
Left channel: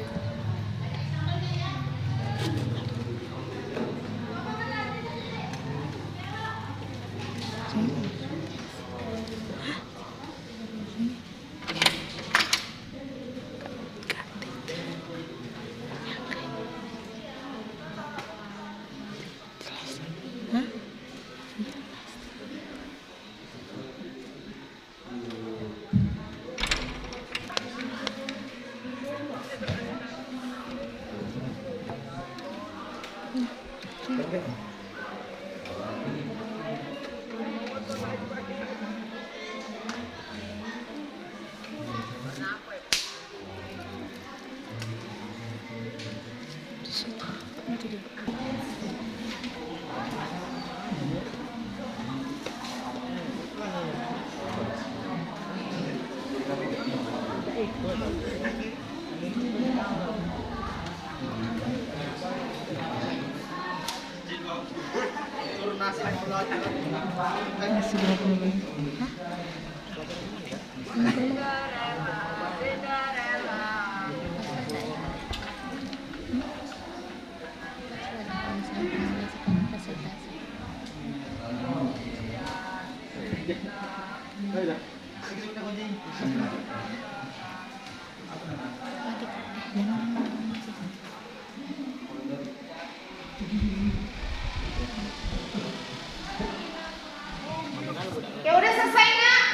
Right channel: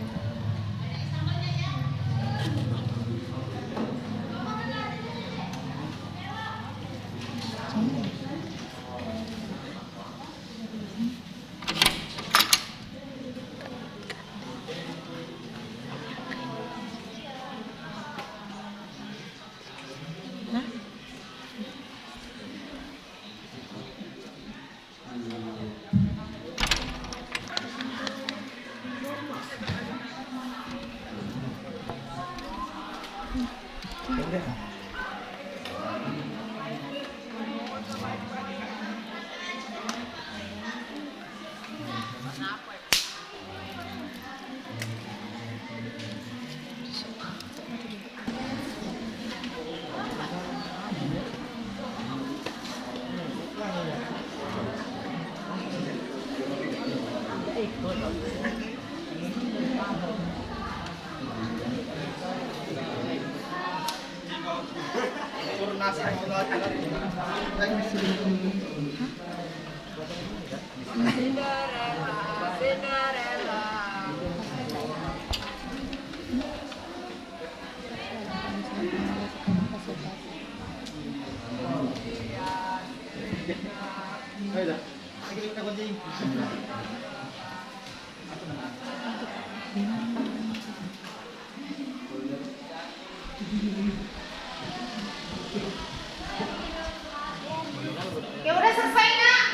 Ya udah selesai nak?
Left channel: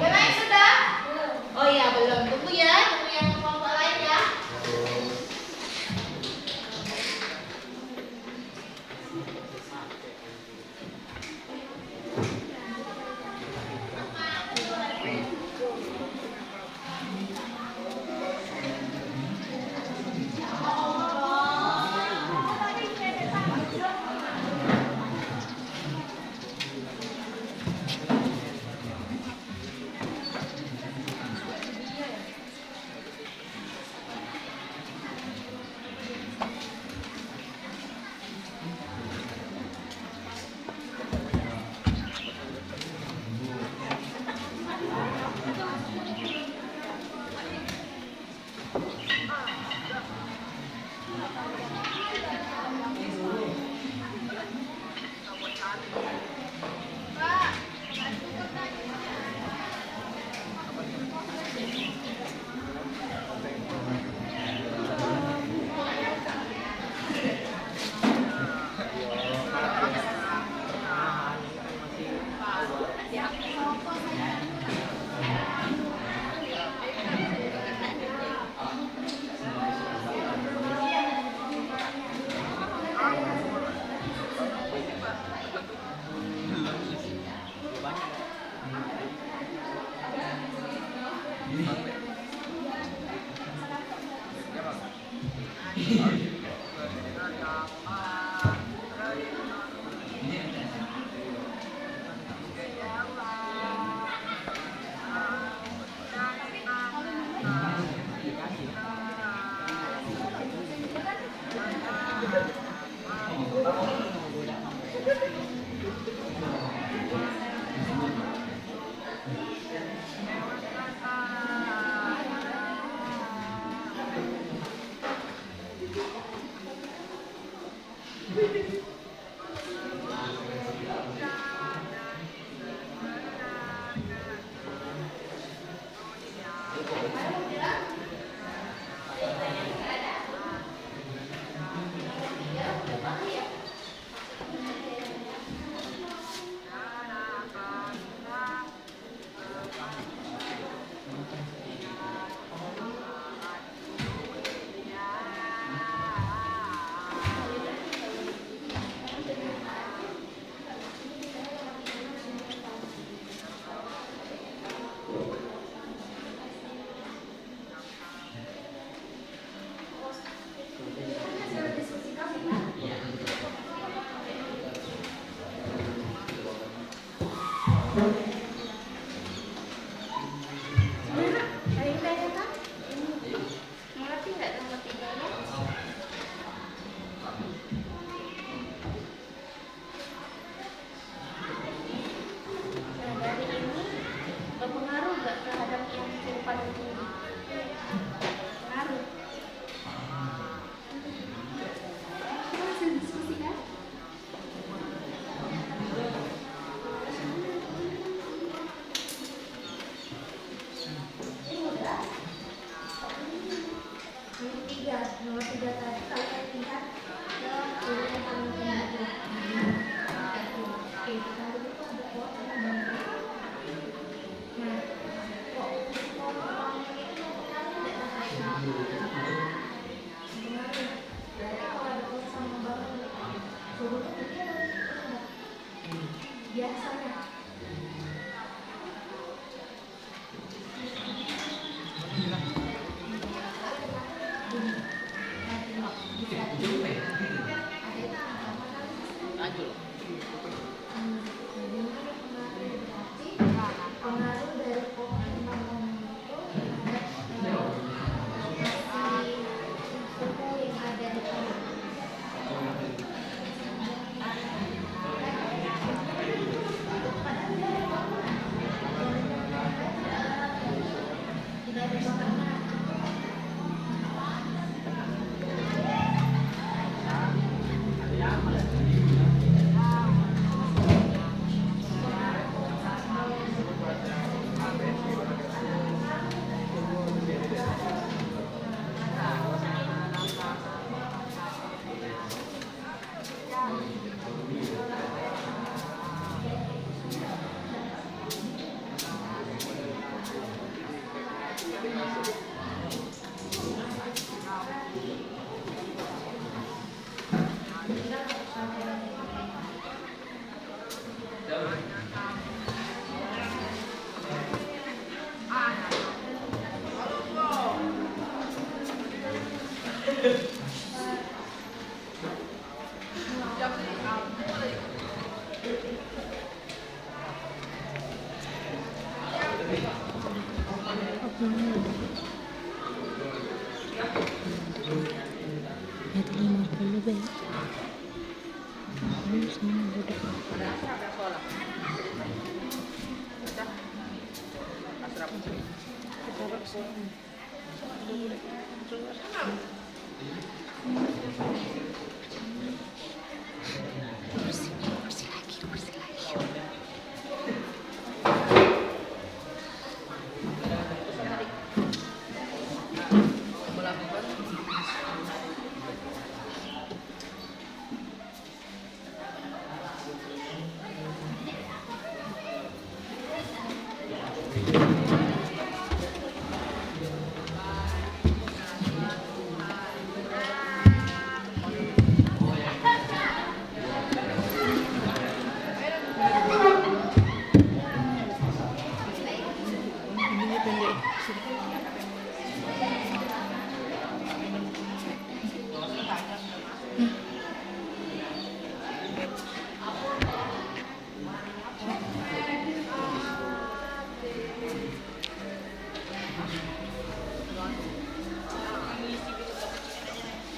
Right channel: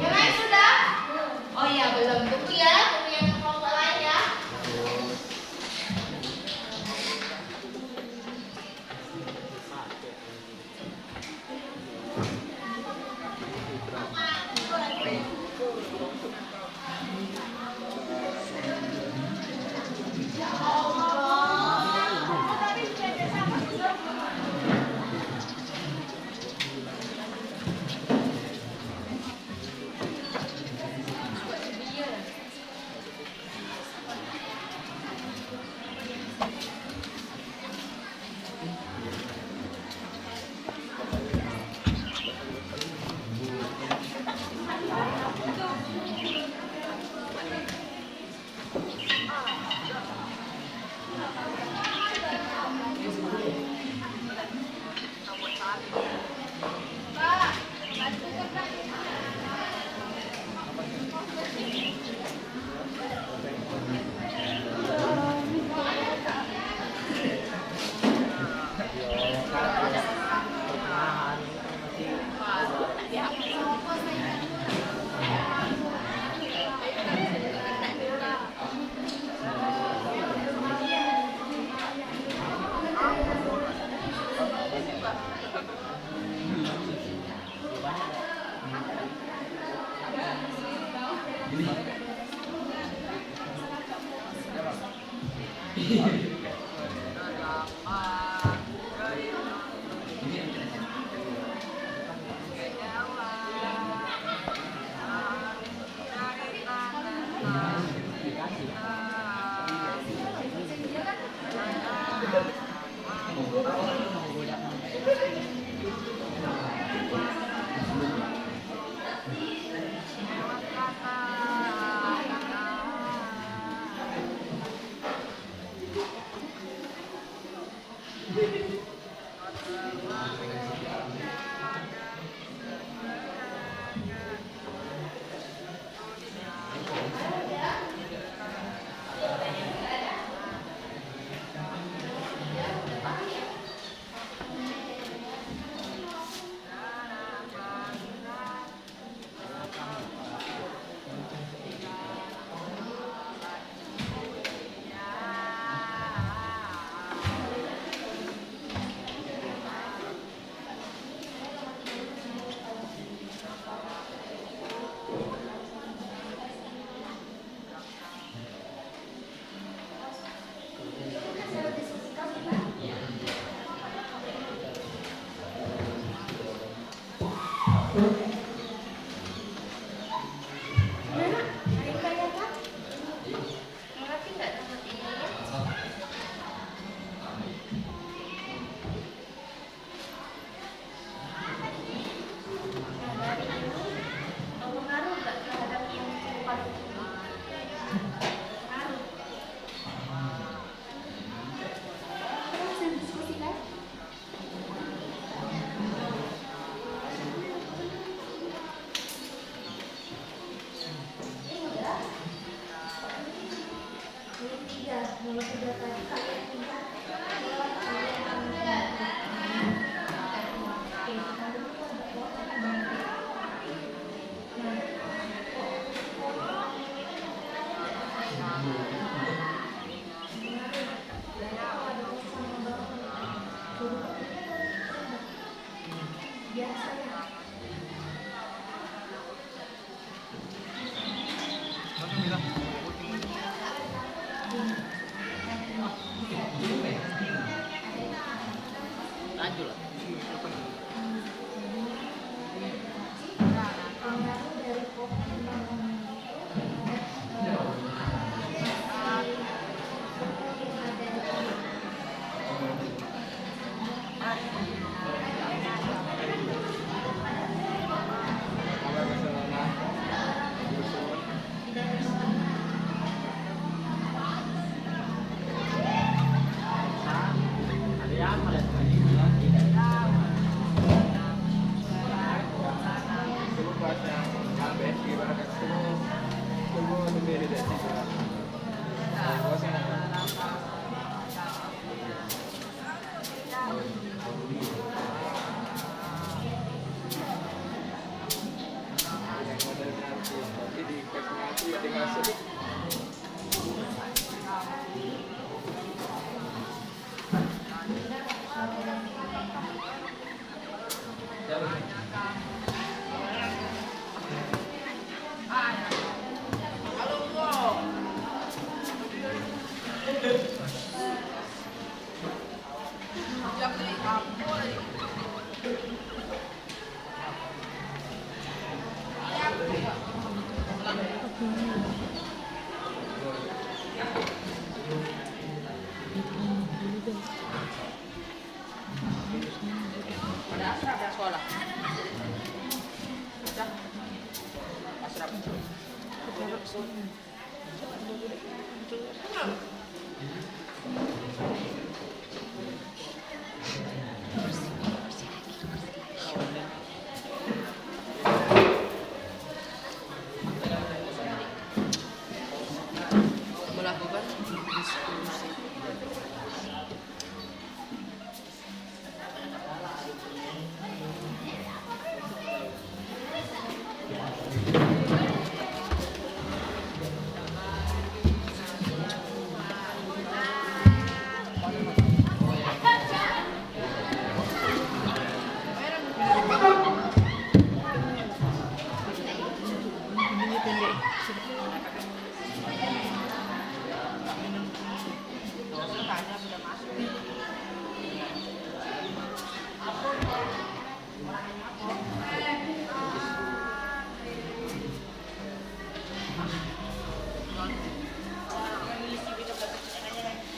Ya lain sudah? Oh iya belum. Tunggu ya, tunggu yang kelompok lain ya. Nomor 3 tadi kalian lihat guru yang paling tinggi. Oke, kita dulu ada pot sama bangku. Nah, kok pot pertama itu kemarin berarti kalau ada pot sama bangku, guru biasanya. Pengaruh dari pohon bangunan itu terhadap suhu yang ada di sana. Tidak ada makanan.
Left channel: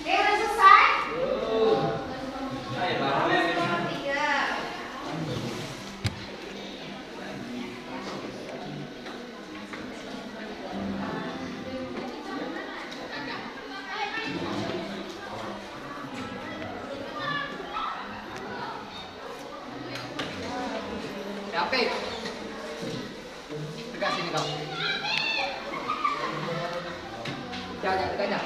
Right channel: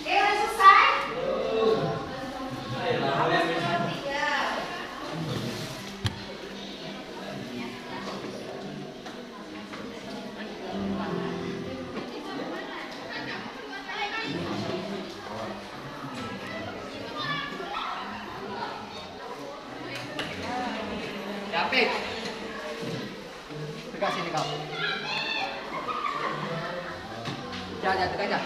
Udah selesai? Tiga. Oke. Dekat sini kau. Jangan dekat aja.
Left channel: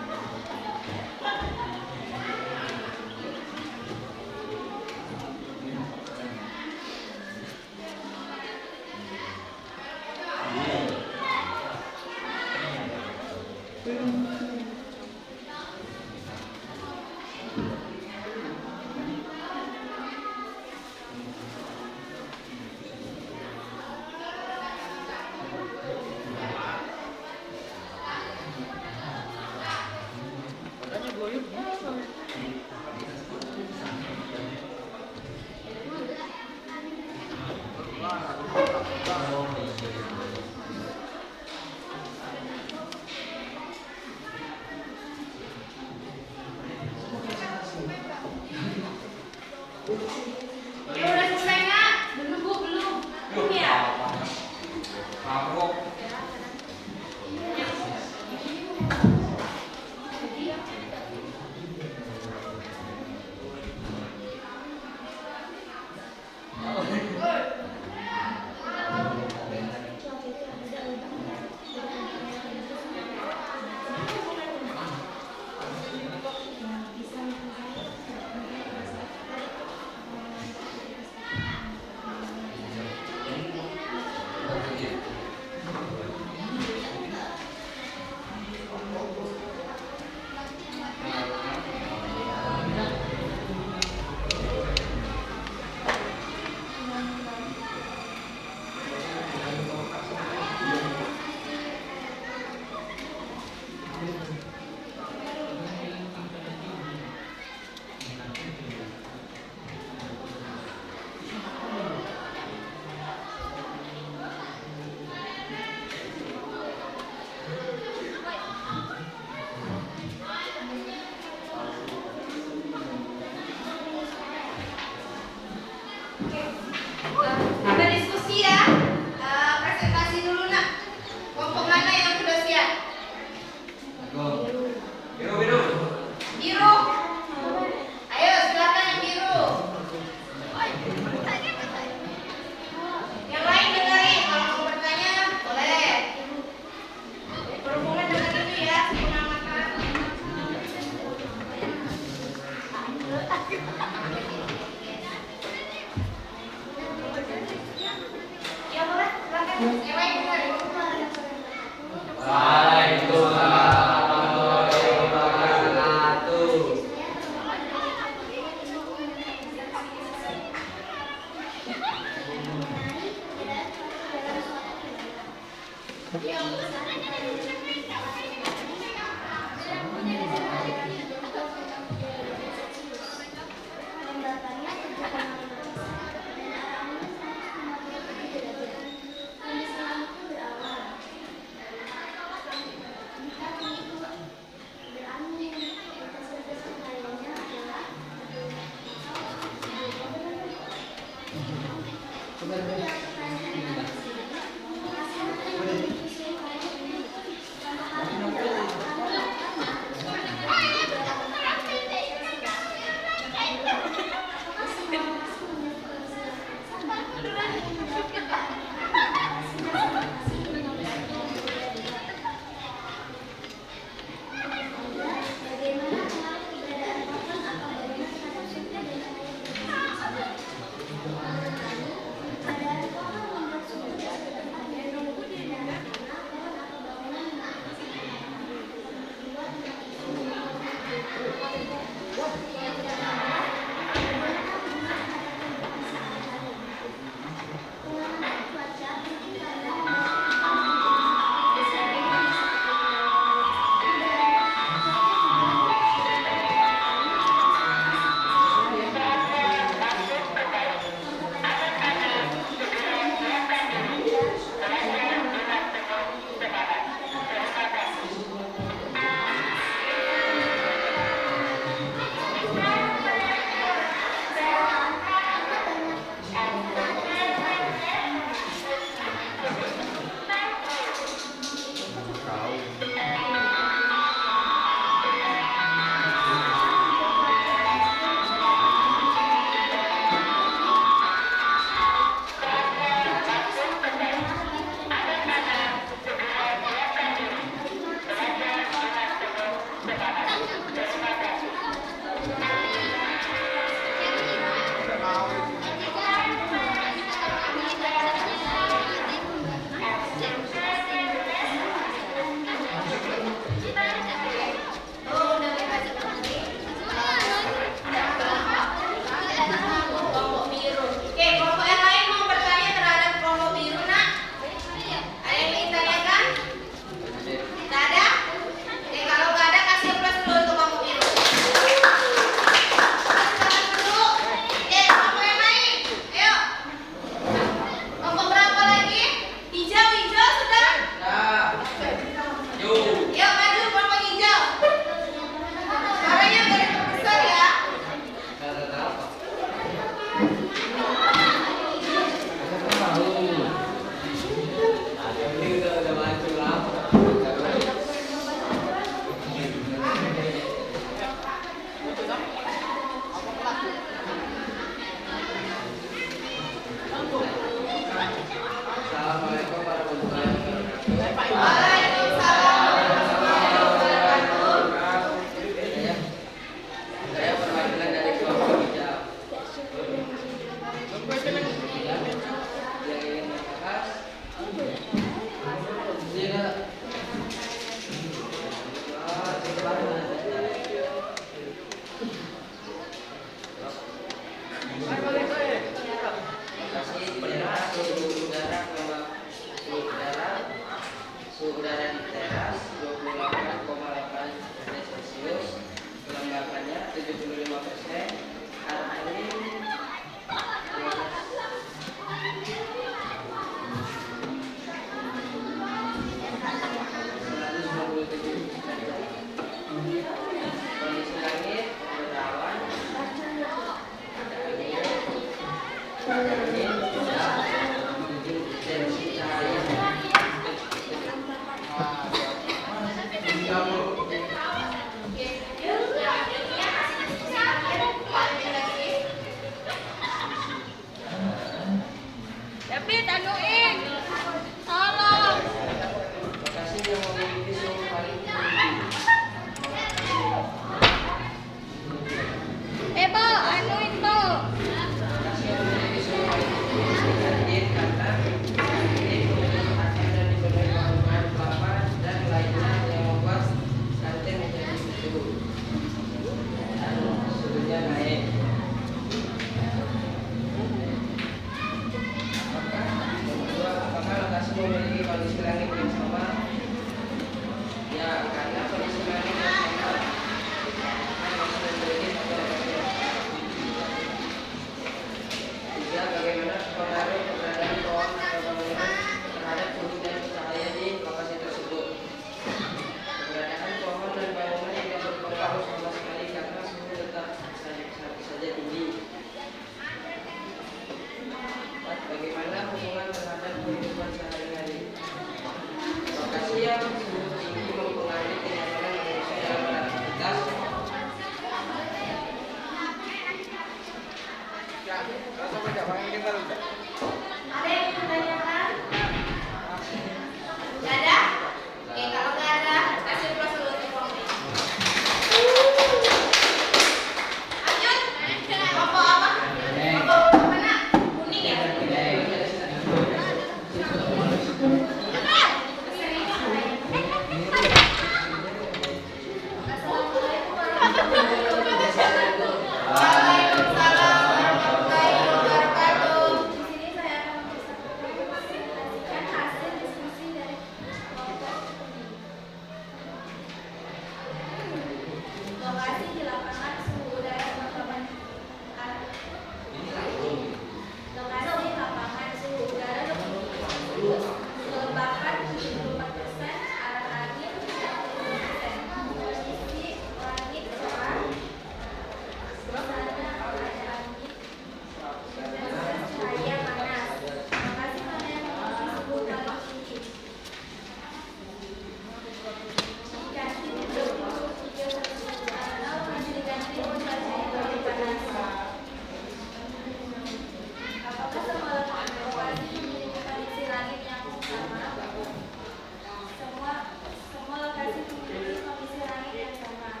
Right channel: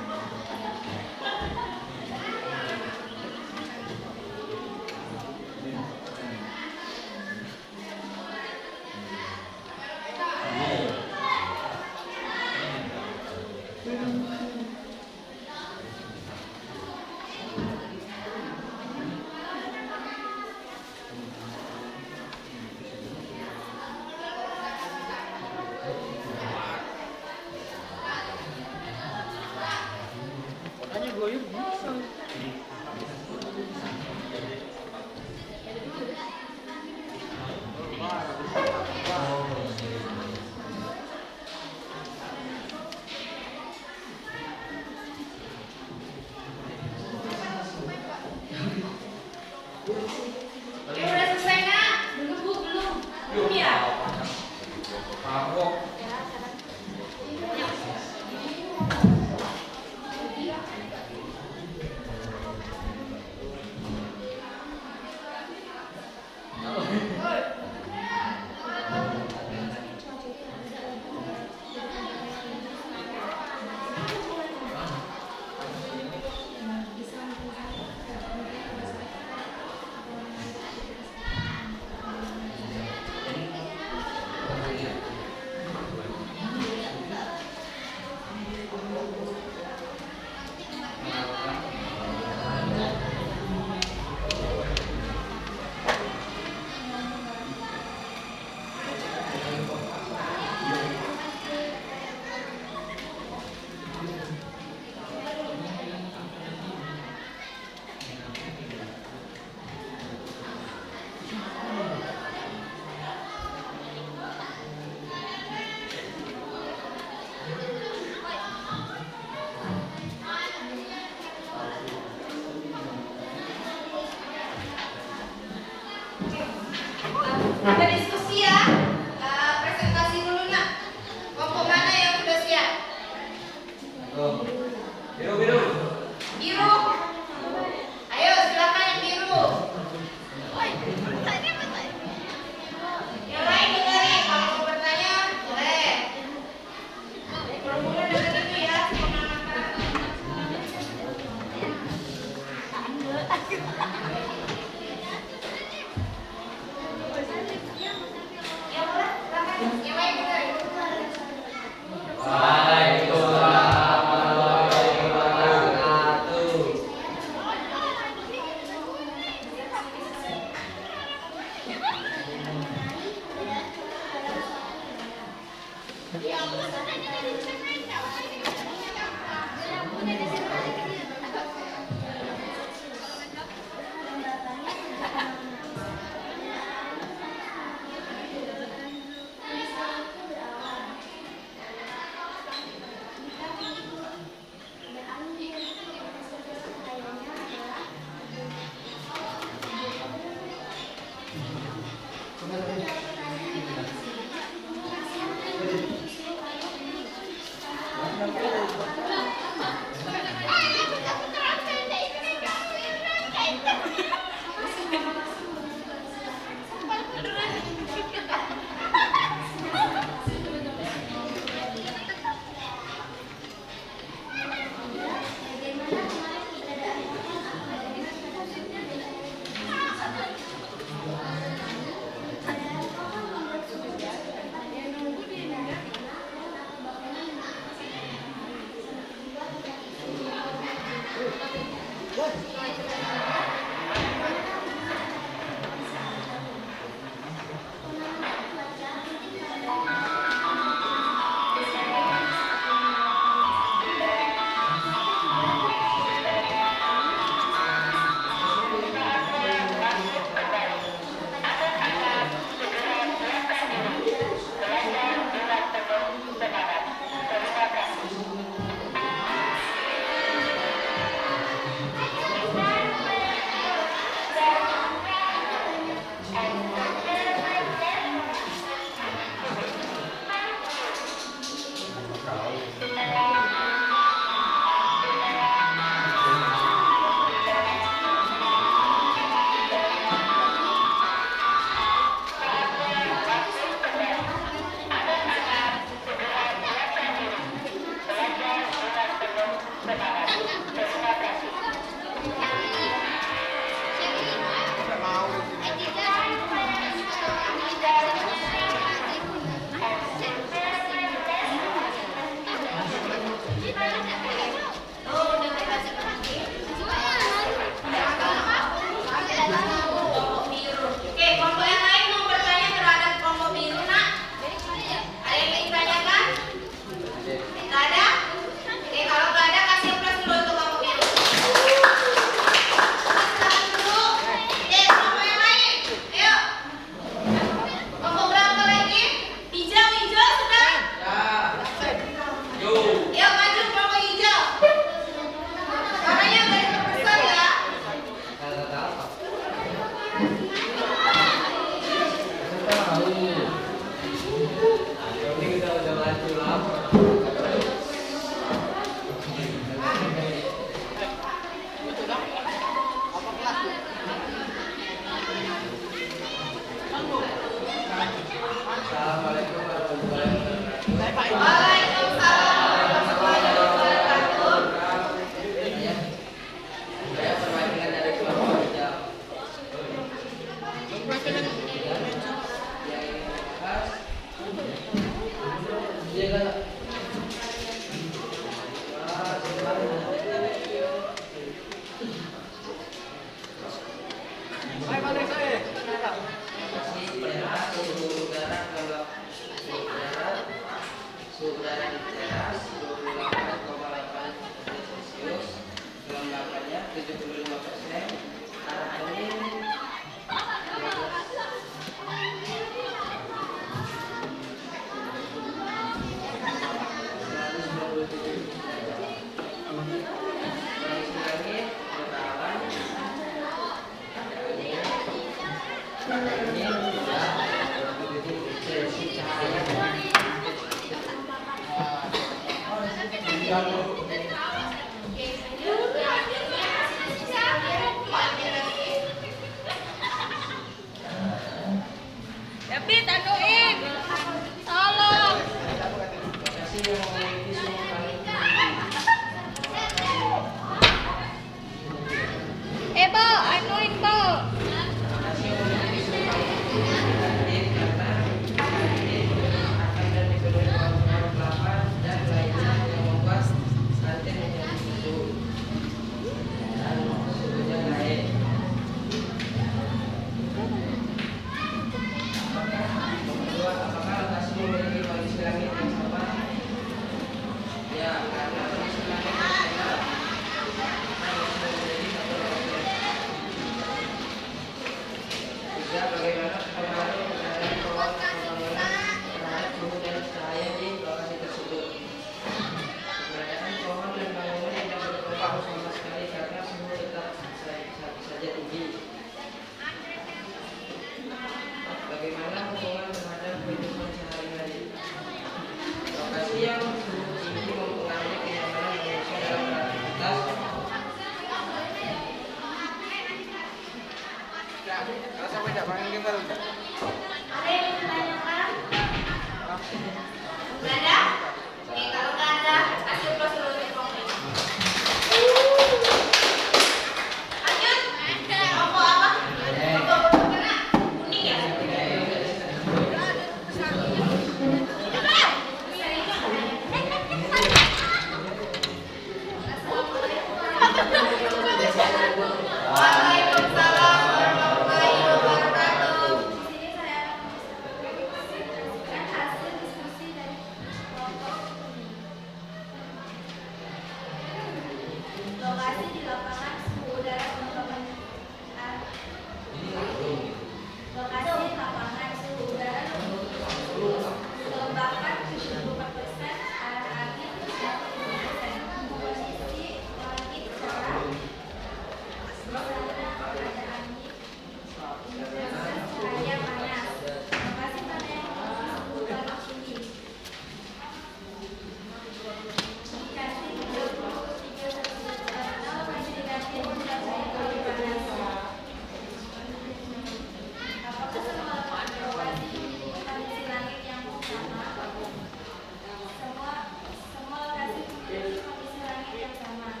bersama.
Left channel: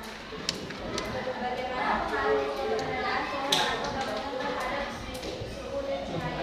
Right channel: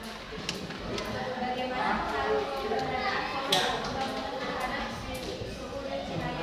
Bagaimana pengaruh keberadaan pola pembangunan terhadap suhu dan sinar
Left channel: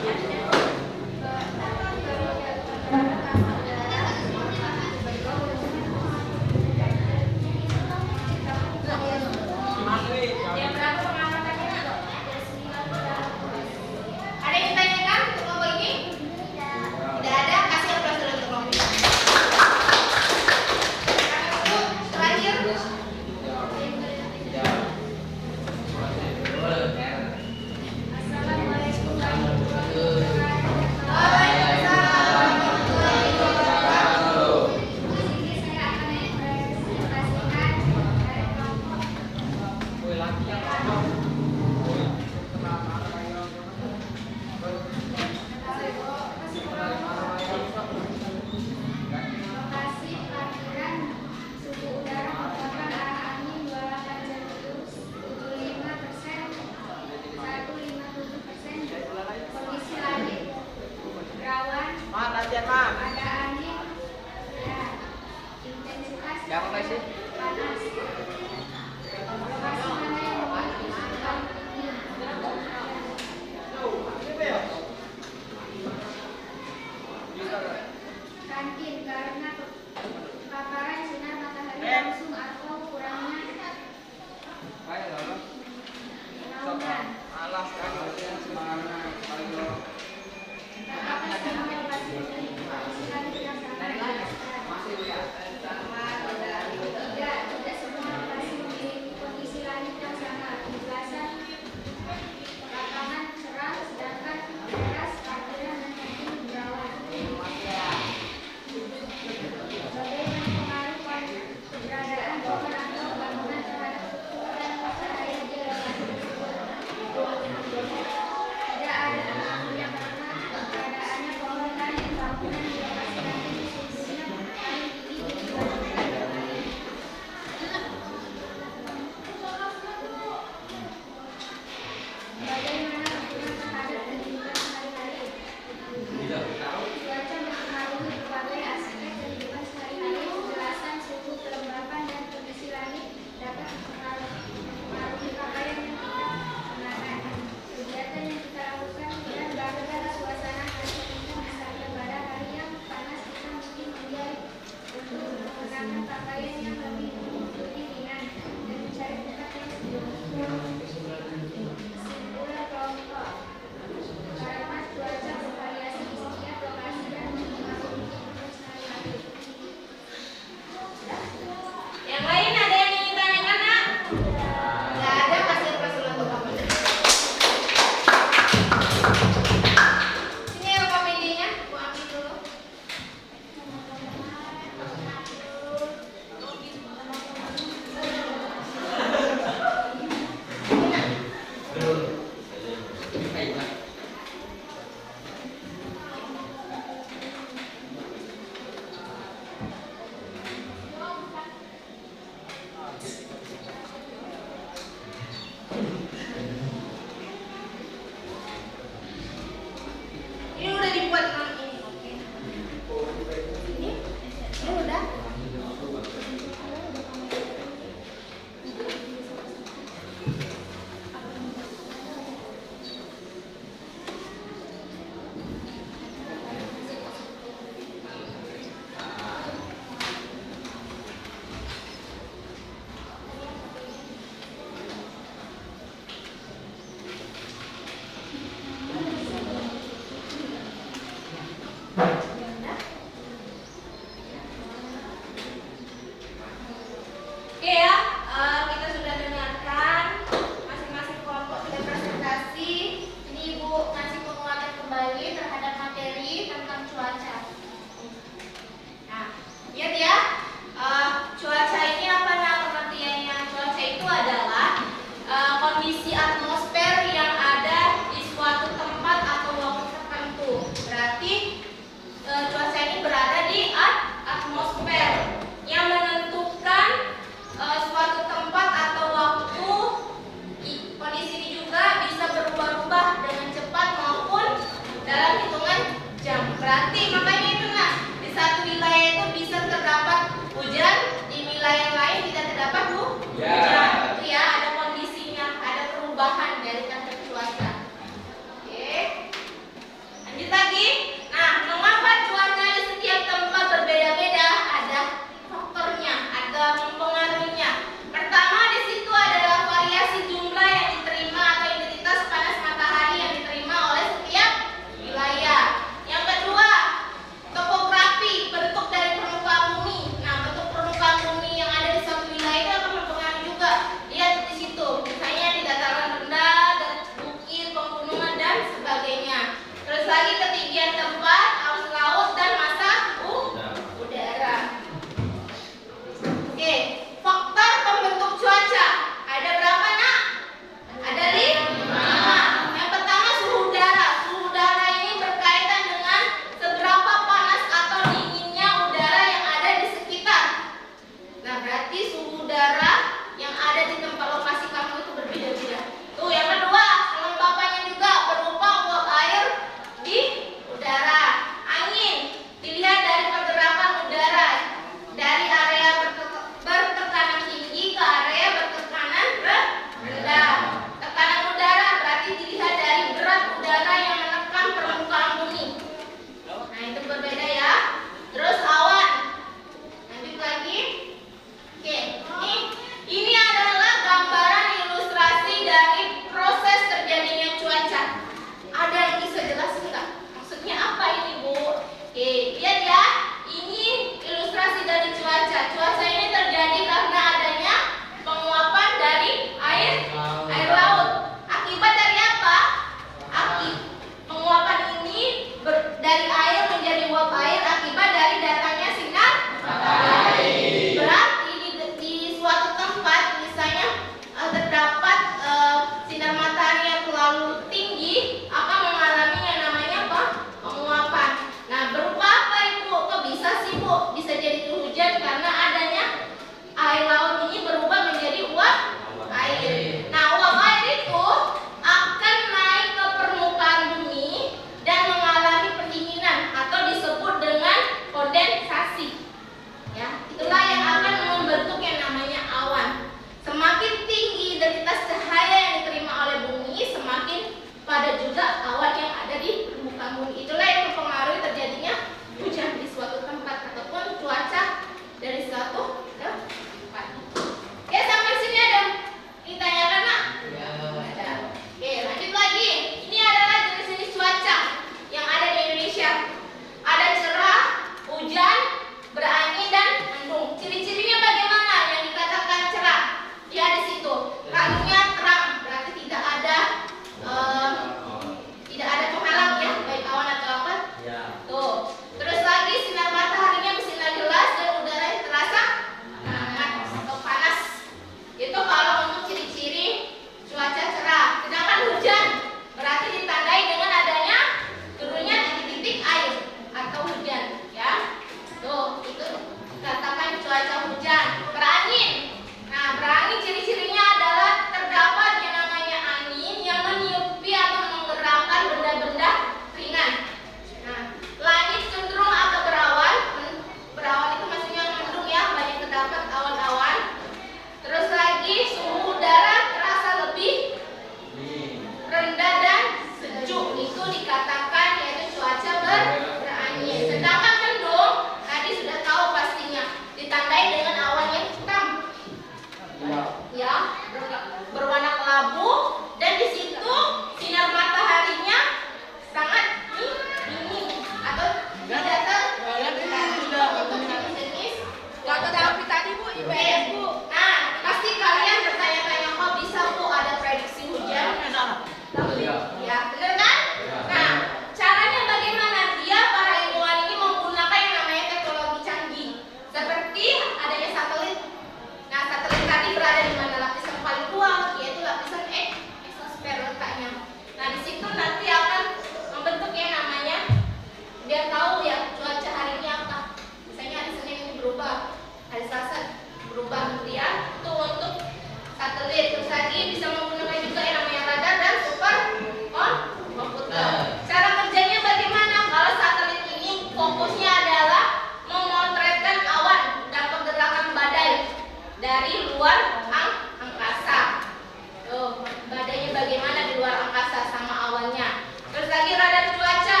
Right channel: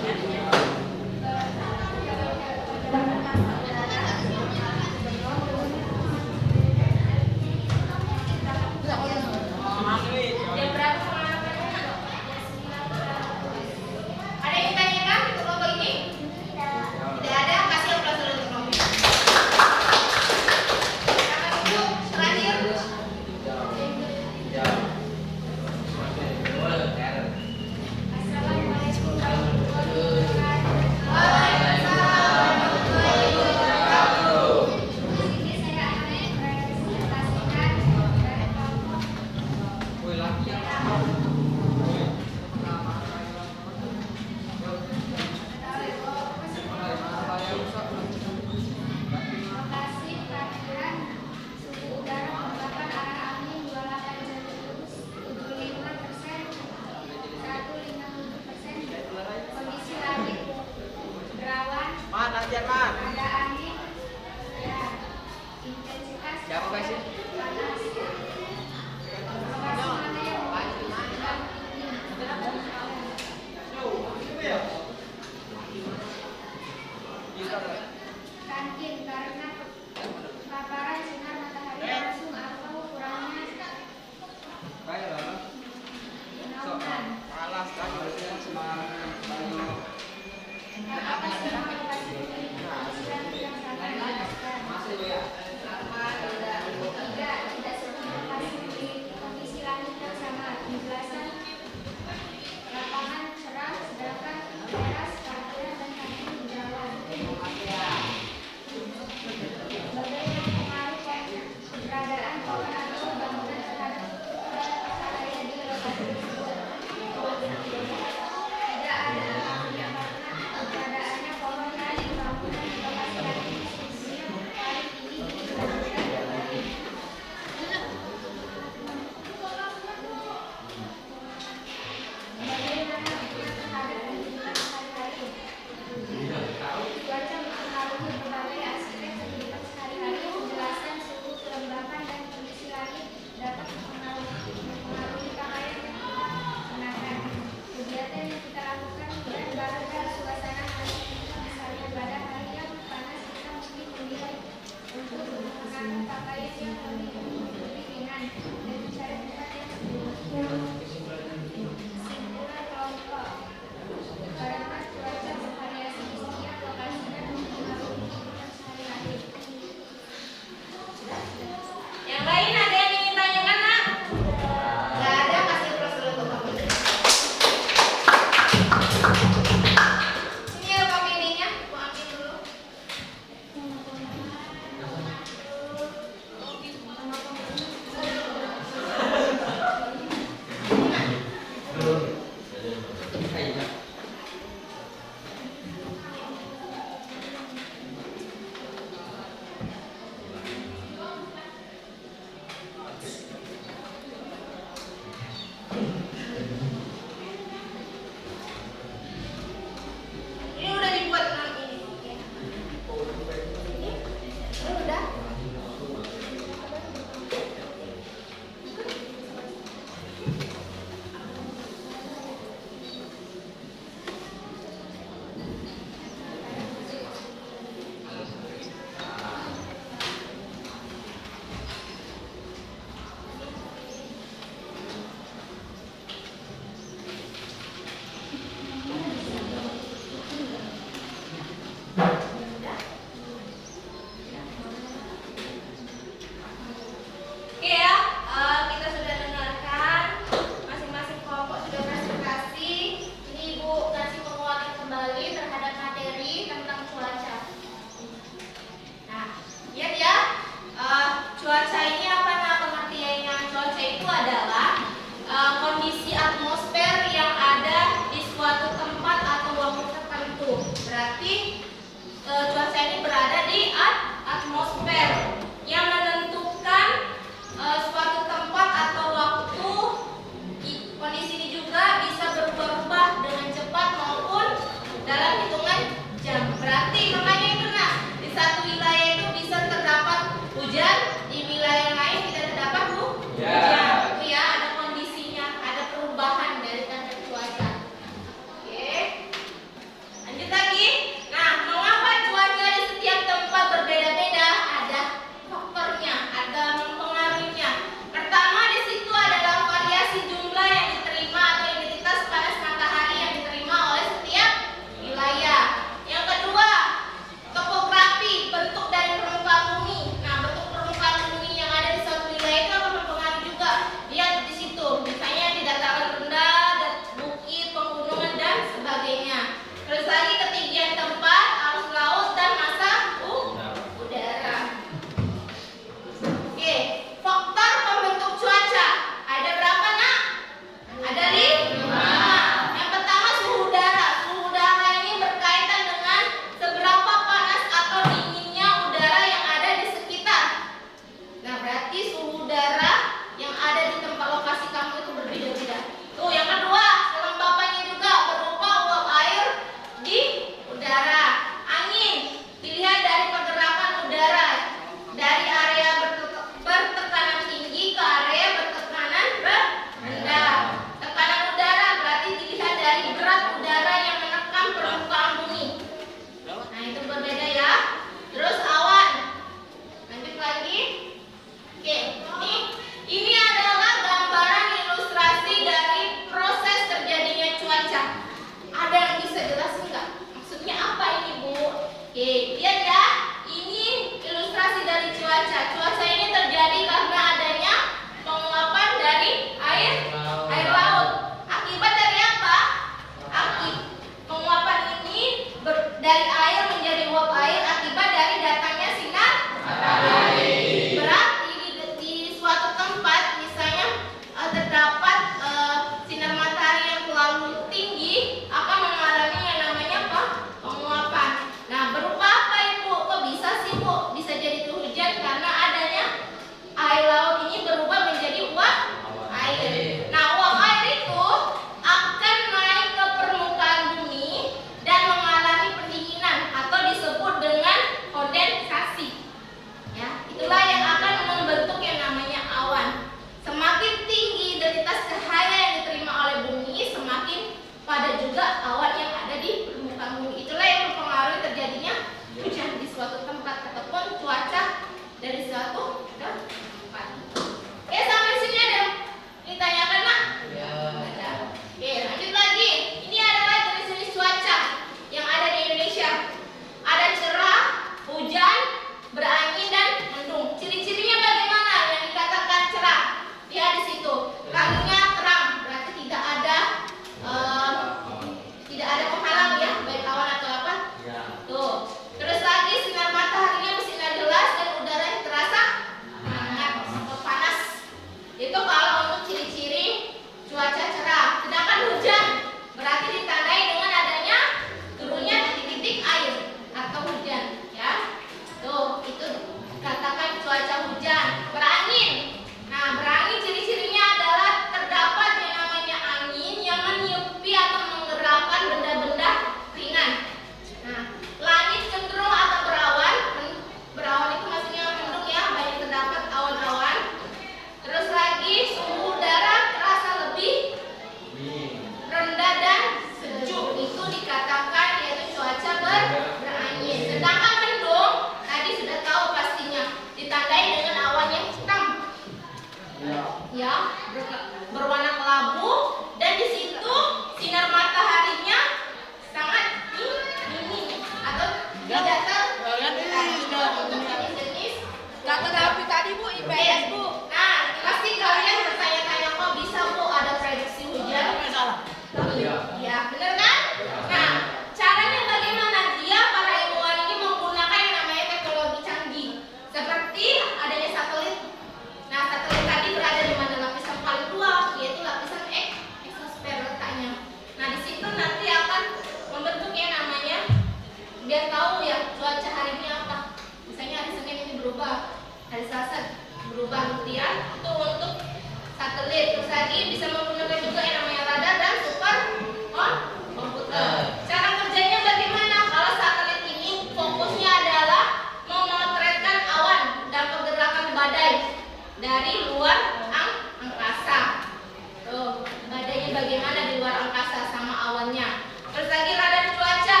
normalnya. Terus lagi radar cuaca,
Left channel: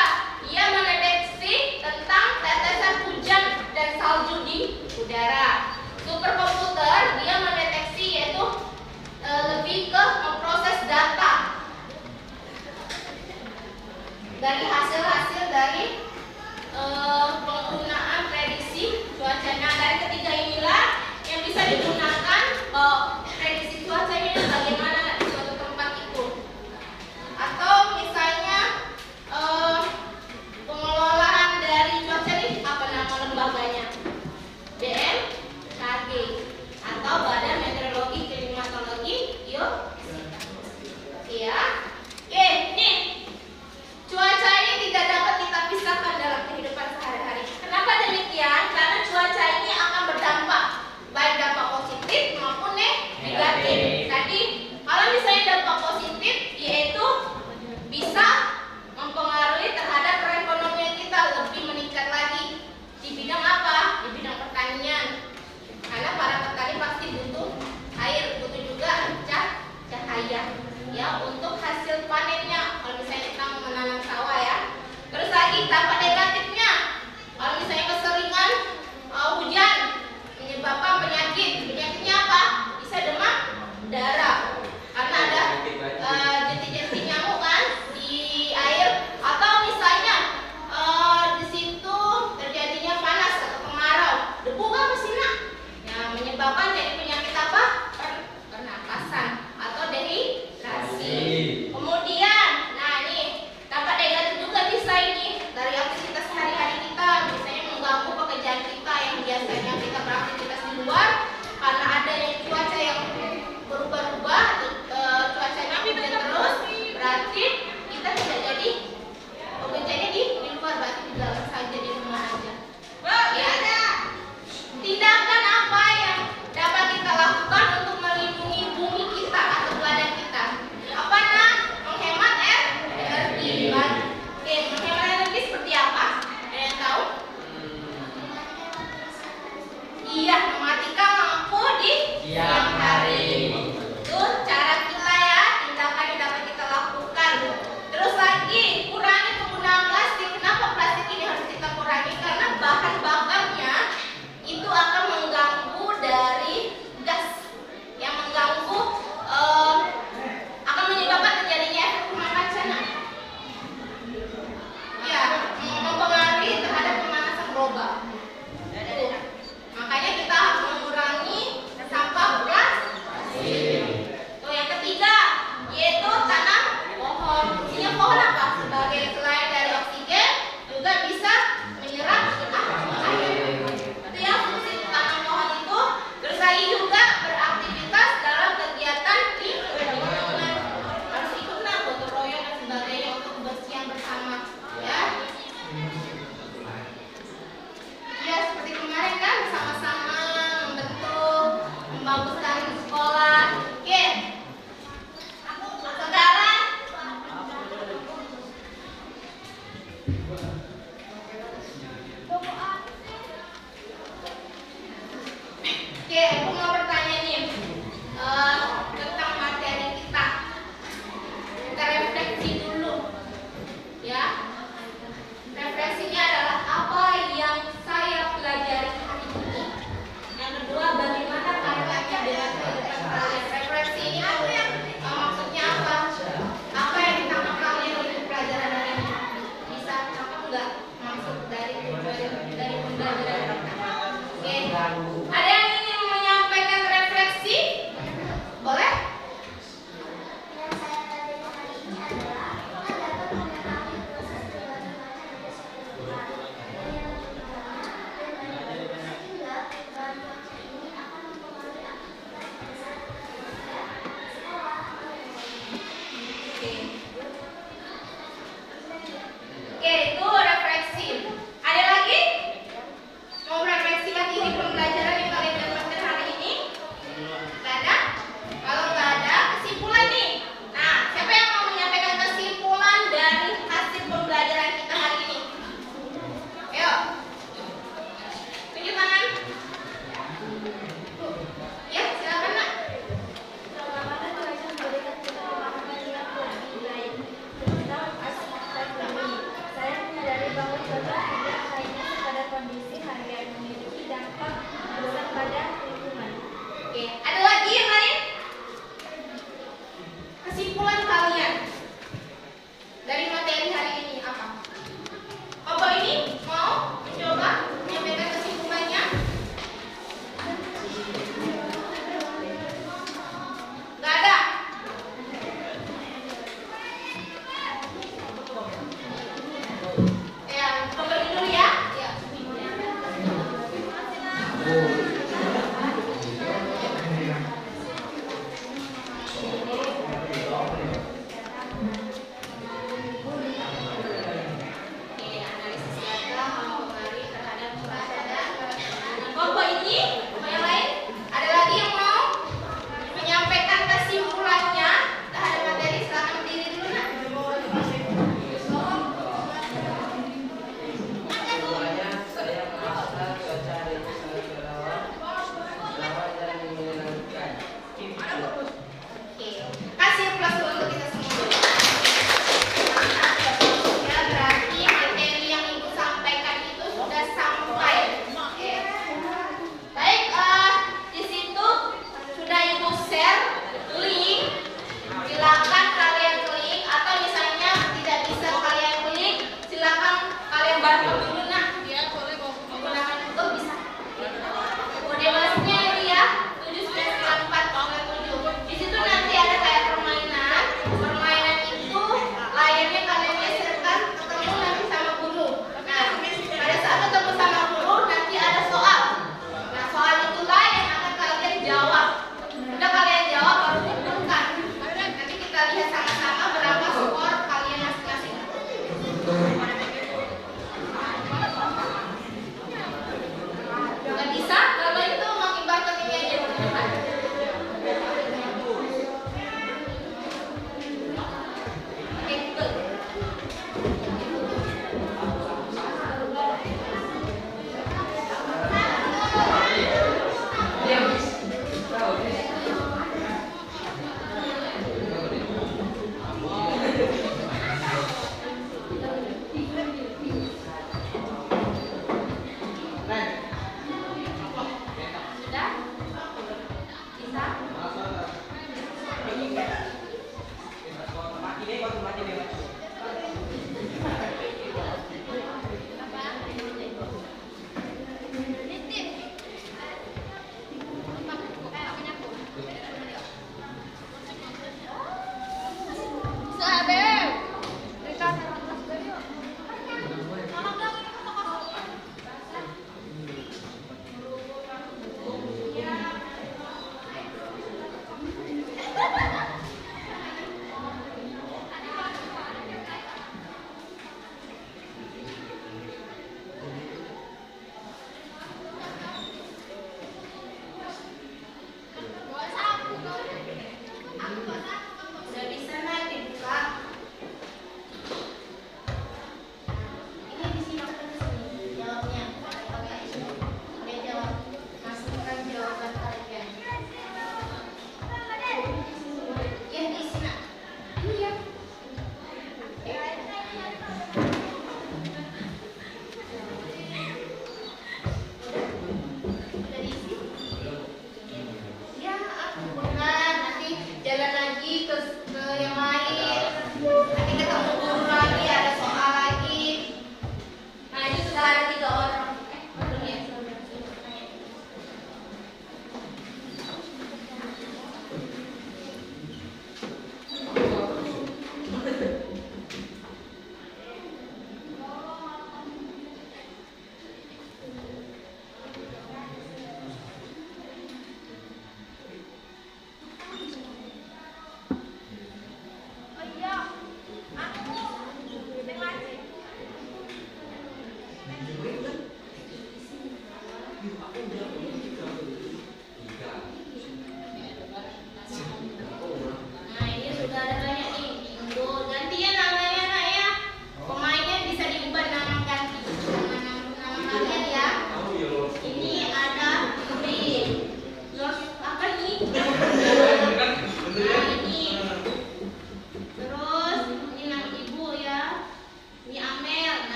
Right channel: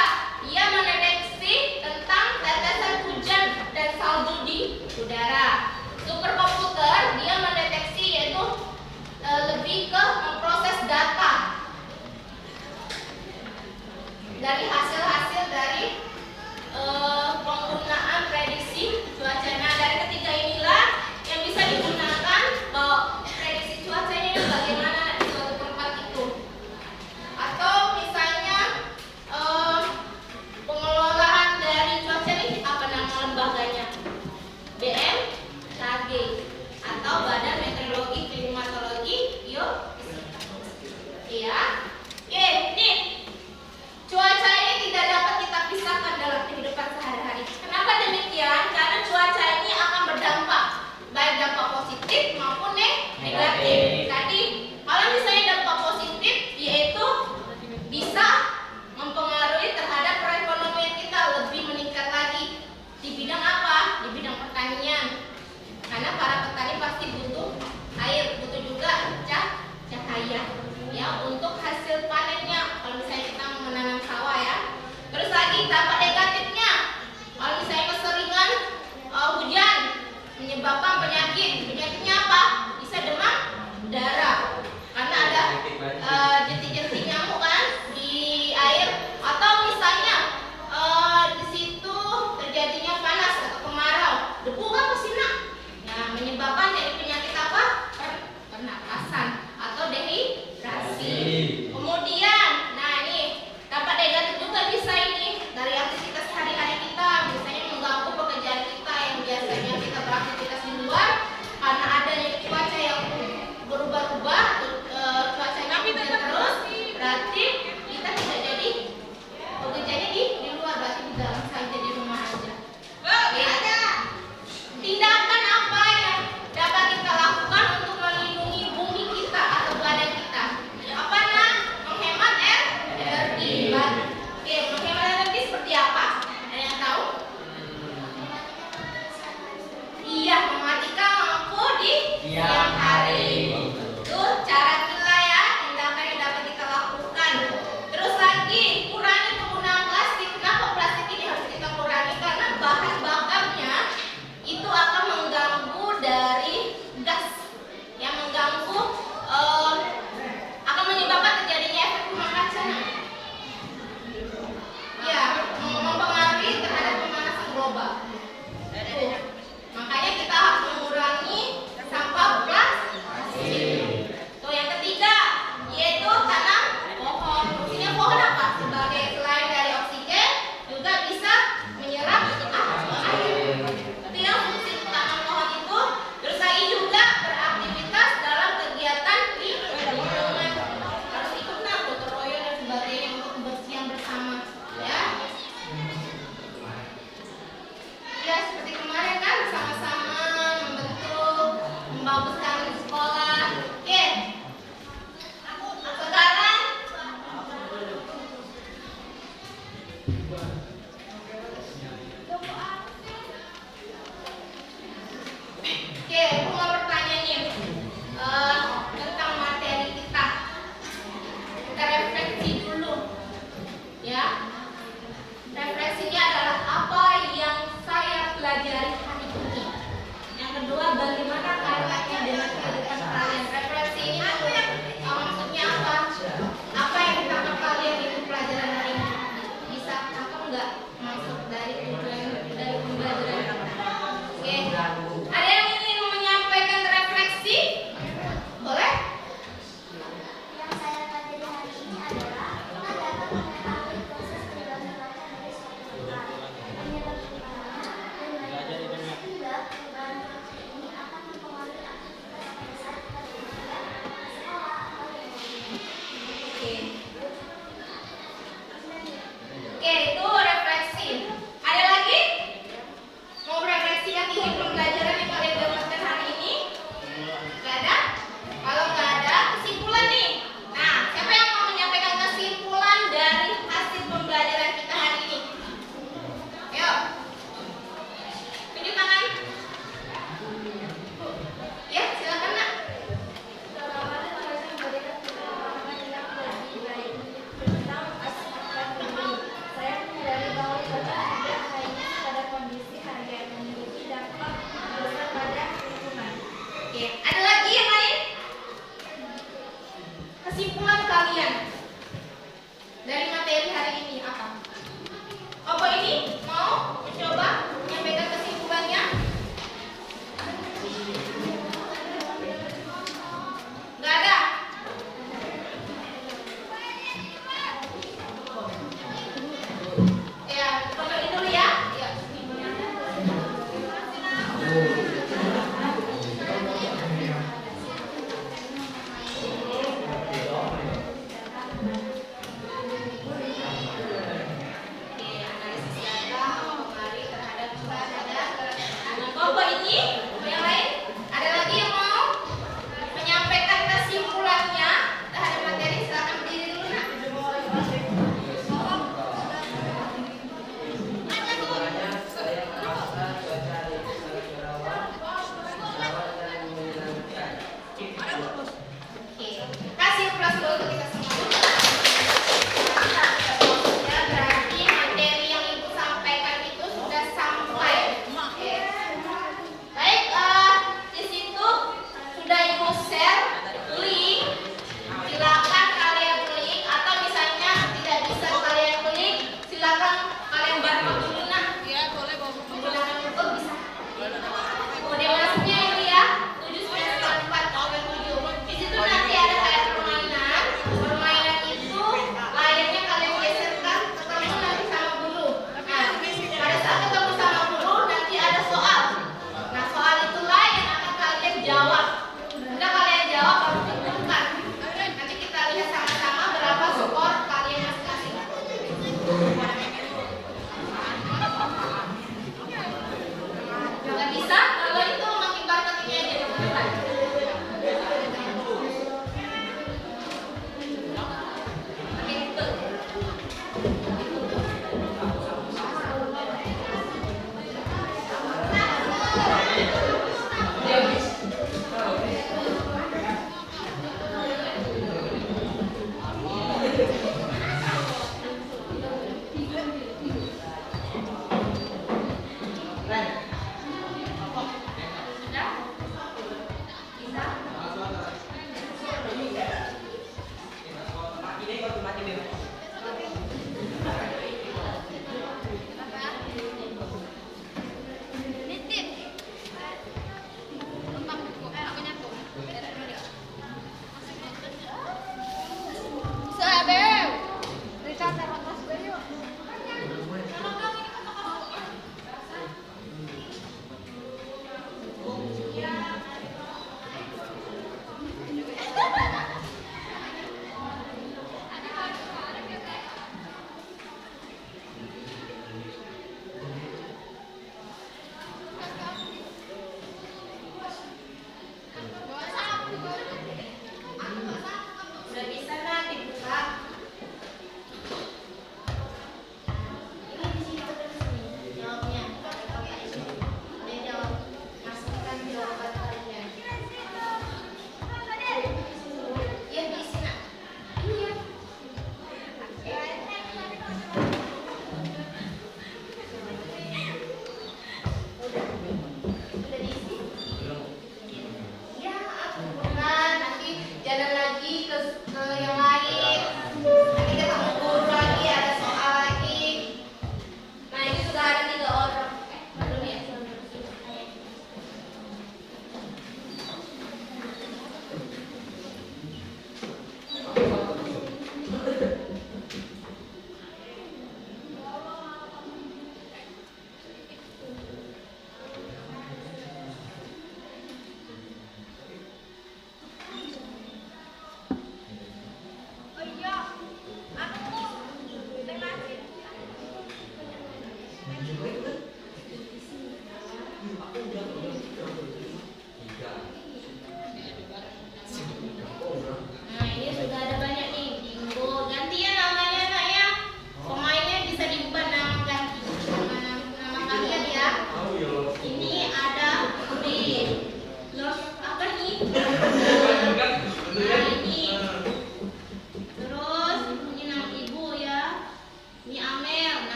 ia mendeteksi tentang tetesan hujan dan salju di udara. Superkomputer dia mendeteksi yaitu lebih ke memproses data dari hasil-hasil dari penggunaan prediksi cuacanya. Dari ketiga inilah yang bisa digunakan prediksi cuacanya dan bagaimana di suatu tempat itu. Atau misalnya pengelolaan dari cuaca ini apa nama lembaganya? BMKG atau Badan Meteorologi Klimatologi Iya. Nih. Cuaca ini tidak dapat kita pisahkan dalam kehidupan sehari-hari. Kenapa demikian? Karena cuaca ini akan berdampak, baik dampak positif maupun negatif. Tadi, kalau misalnya dampak positif, yaitu bisa mempengaruhi terhadap perekonomian kita lebih meningkat lagi. Di bidang apa? Di bidang pertanian. Karena para petani pasti butuh air, butuh juga cahaya, ya, untuk hasil panennya. Kalau misalnya kita menanam sawah, ya. Terus lagi dampak negatifnya, kalau misalnya keseringan hujan menyebabkan penyakitnya apa? Bisa demam darah karena ada jentik-jentik nyamuk kan di air, atau misalnya di situ terjadinya panas atau kemarau, debu kan kesina, yang menyebabkan jadi penyakit apa? Pernapasan atau dehidrasi. Kemudian, nah ini dampak negatif juga bisa ini dari aktivitas sehari-hari kita, misalnya mengganggu pekerjaan kita yang biasanya kita beraktivitas di luar karena adanya cuaca yang berubah-ubah, cuacanya hujan terus, berarti kita tidak jadi bekerjanya di luar, berarti di dalam saja di rumah aja. Ya. Tindakan apa yang dapat kita lakukan untuk melindungi bumi kita atau planet kita? Apa nah? Menghemat energi. Oke, menghemat energi seperti apa? Ada yang tahu? Iya, mematikan lampu di siang hari. Itu cara kita, ya, tindakan yang dapat kita lakukan. Terus lagi, kurangi penggunaan plastik. Kenapa plastik ini harus kita kurangi? Karena bahan bakarnya itu akan mengganggu dari gas yang mengganggu, akan menyebabkan terjadinya efek rumah kaca. Ya, mempengaruhi terhadap pemanasan global. Tuh. Makanya kita harus mengurangi sampah plastik. Tuh, yang ketiga yaitu tanam pohon. Fungsinya pohon apa? Sebagai selain dari oksigen juga bisa menyerap air. Itu yang fungsi tanam pohon itu. Terus lagi juga beraktivitas dalam kegiatan di lingkungan. Harus ikut gotong royong dan sebagainya untuk kebersihan bersama, ya. Ya, seperti kemarin kan sama-sama membentuk, membaguskan sekolah. Oke. Sekarang aku mau bertanya nih tentang materi kita. Kita refleksi dulu, ya. Refleksinya adalah apa yang saya pelajari hari ini. Yang kedua, bagaimana kaitannya dengan kehidupan kalian. Refleksi ini maksudnya apa? Apa yang ditangkap kalian dari pelajaran hari ini? Bisa apa enggak masuk dari pembelajaran kita? Oke. Ada yang ingin menyampaikan refleksi? Boleh? Yang saya pelajari hari ini adalah kita dapat mengetahui proses berbagai macam hasil tumbuhan, penyebab tumbuhan, dan lain-lain. Sehingga perubahan macam ini akan mempengaruhi aktivitas manusia sekolah atau lingkungan. Oke. Oke, itu refleksi. Ada lagi? Mau refleksikan ini pembelajaran yang kalian dapatkan hari ini? Gak ada? Kalau nggak ada, kesimpulan nih. Nah, siapa yang mau menyampaikan kesimpulan?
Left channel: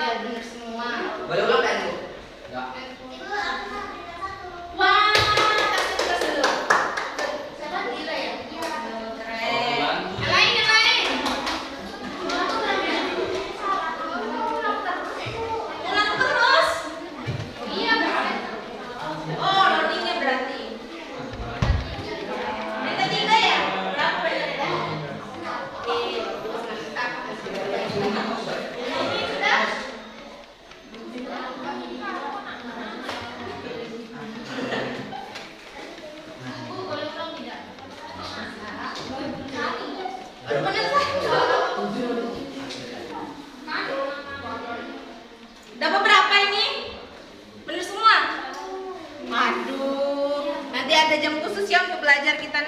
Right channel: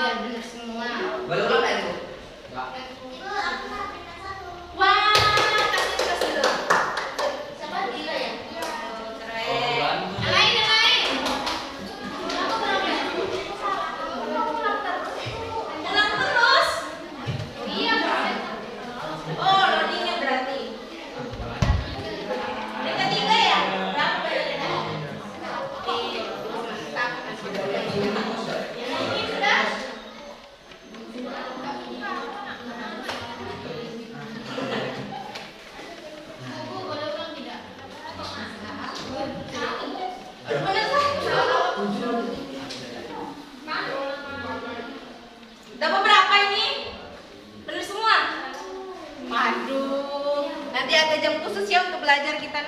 biar benar semua. Boleh ulang kan, Bu? Enggak. Wah, kasih tugas dulu. Siapa gila ya? Keren. Yang lain, yang lain. Ulang terus. Iya, oh, loadingnya berarti. Yang ketiga ya? Berapa banyaknya? Mantap. Yang ini sudah? Bener satu. Dapat berapa ini? Bener semua? Aduh, nanti ada jam khusus ya untuk belajar kita.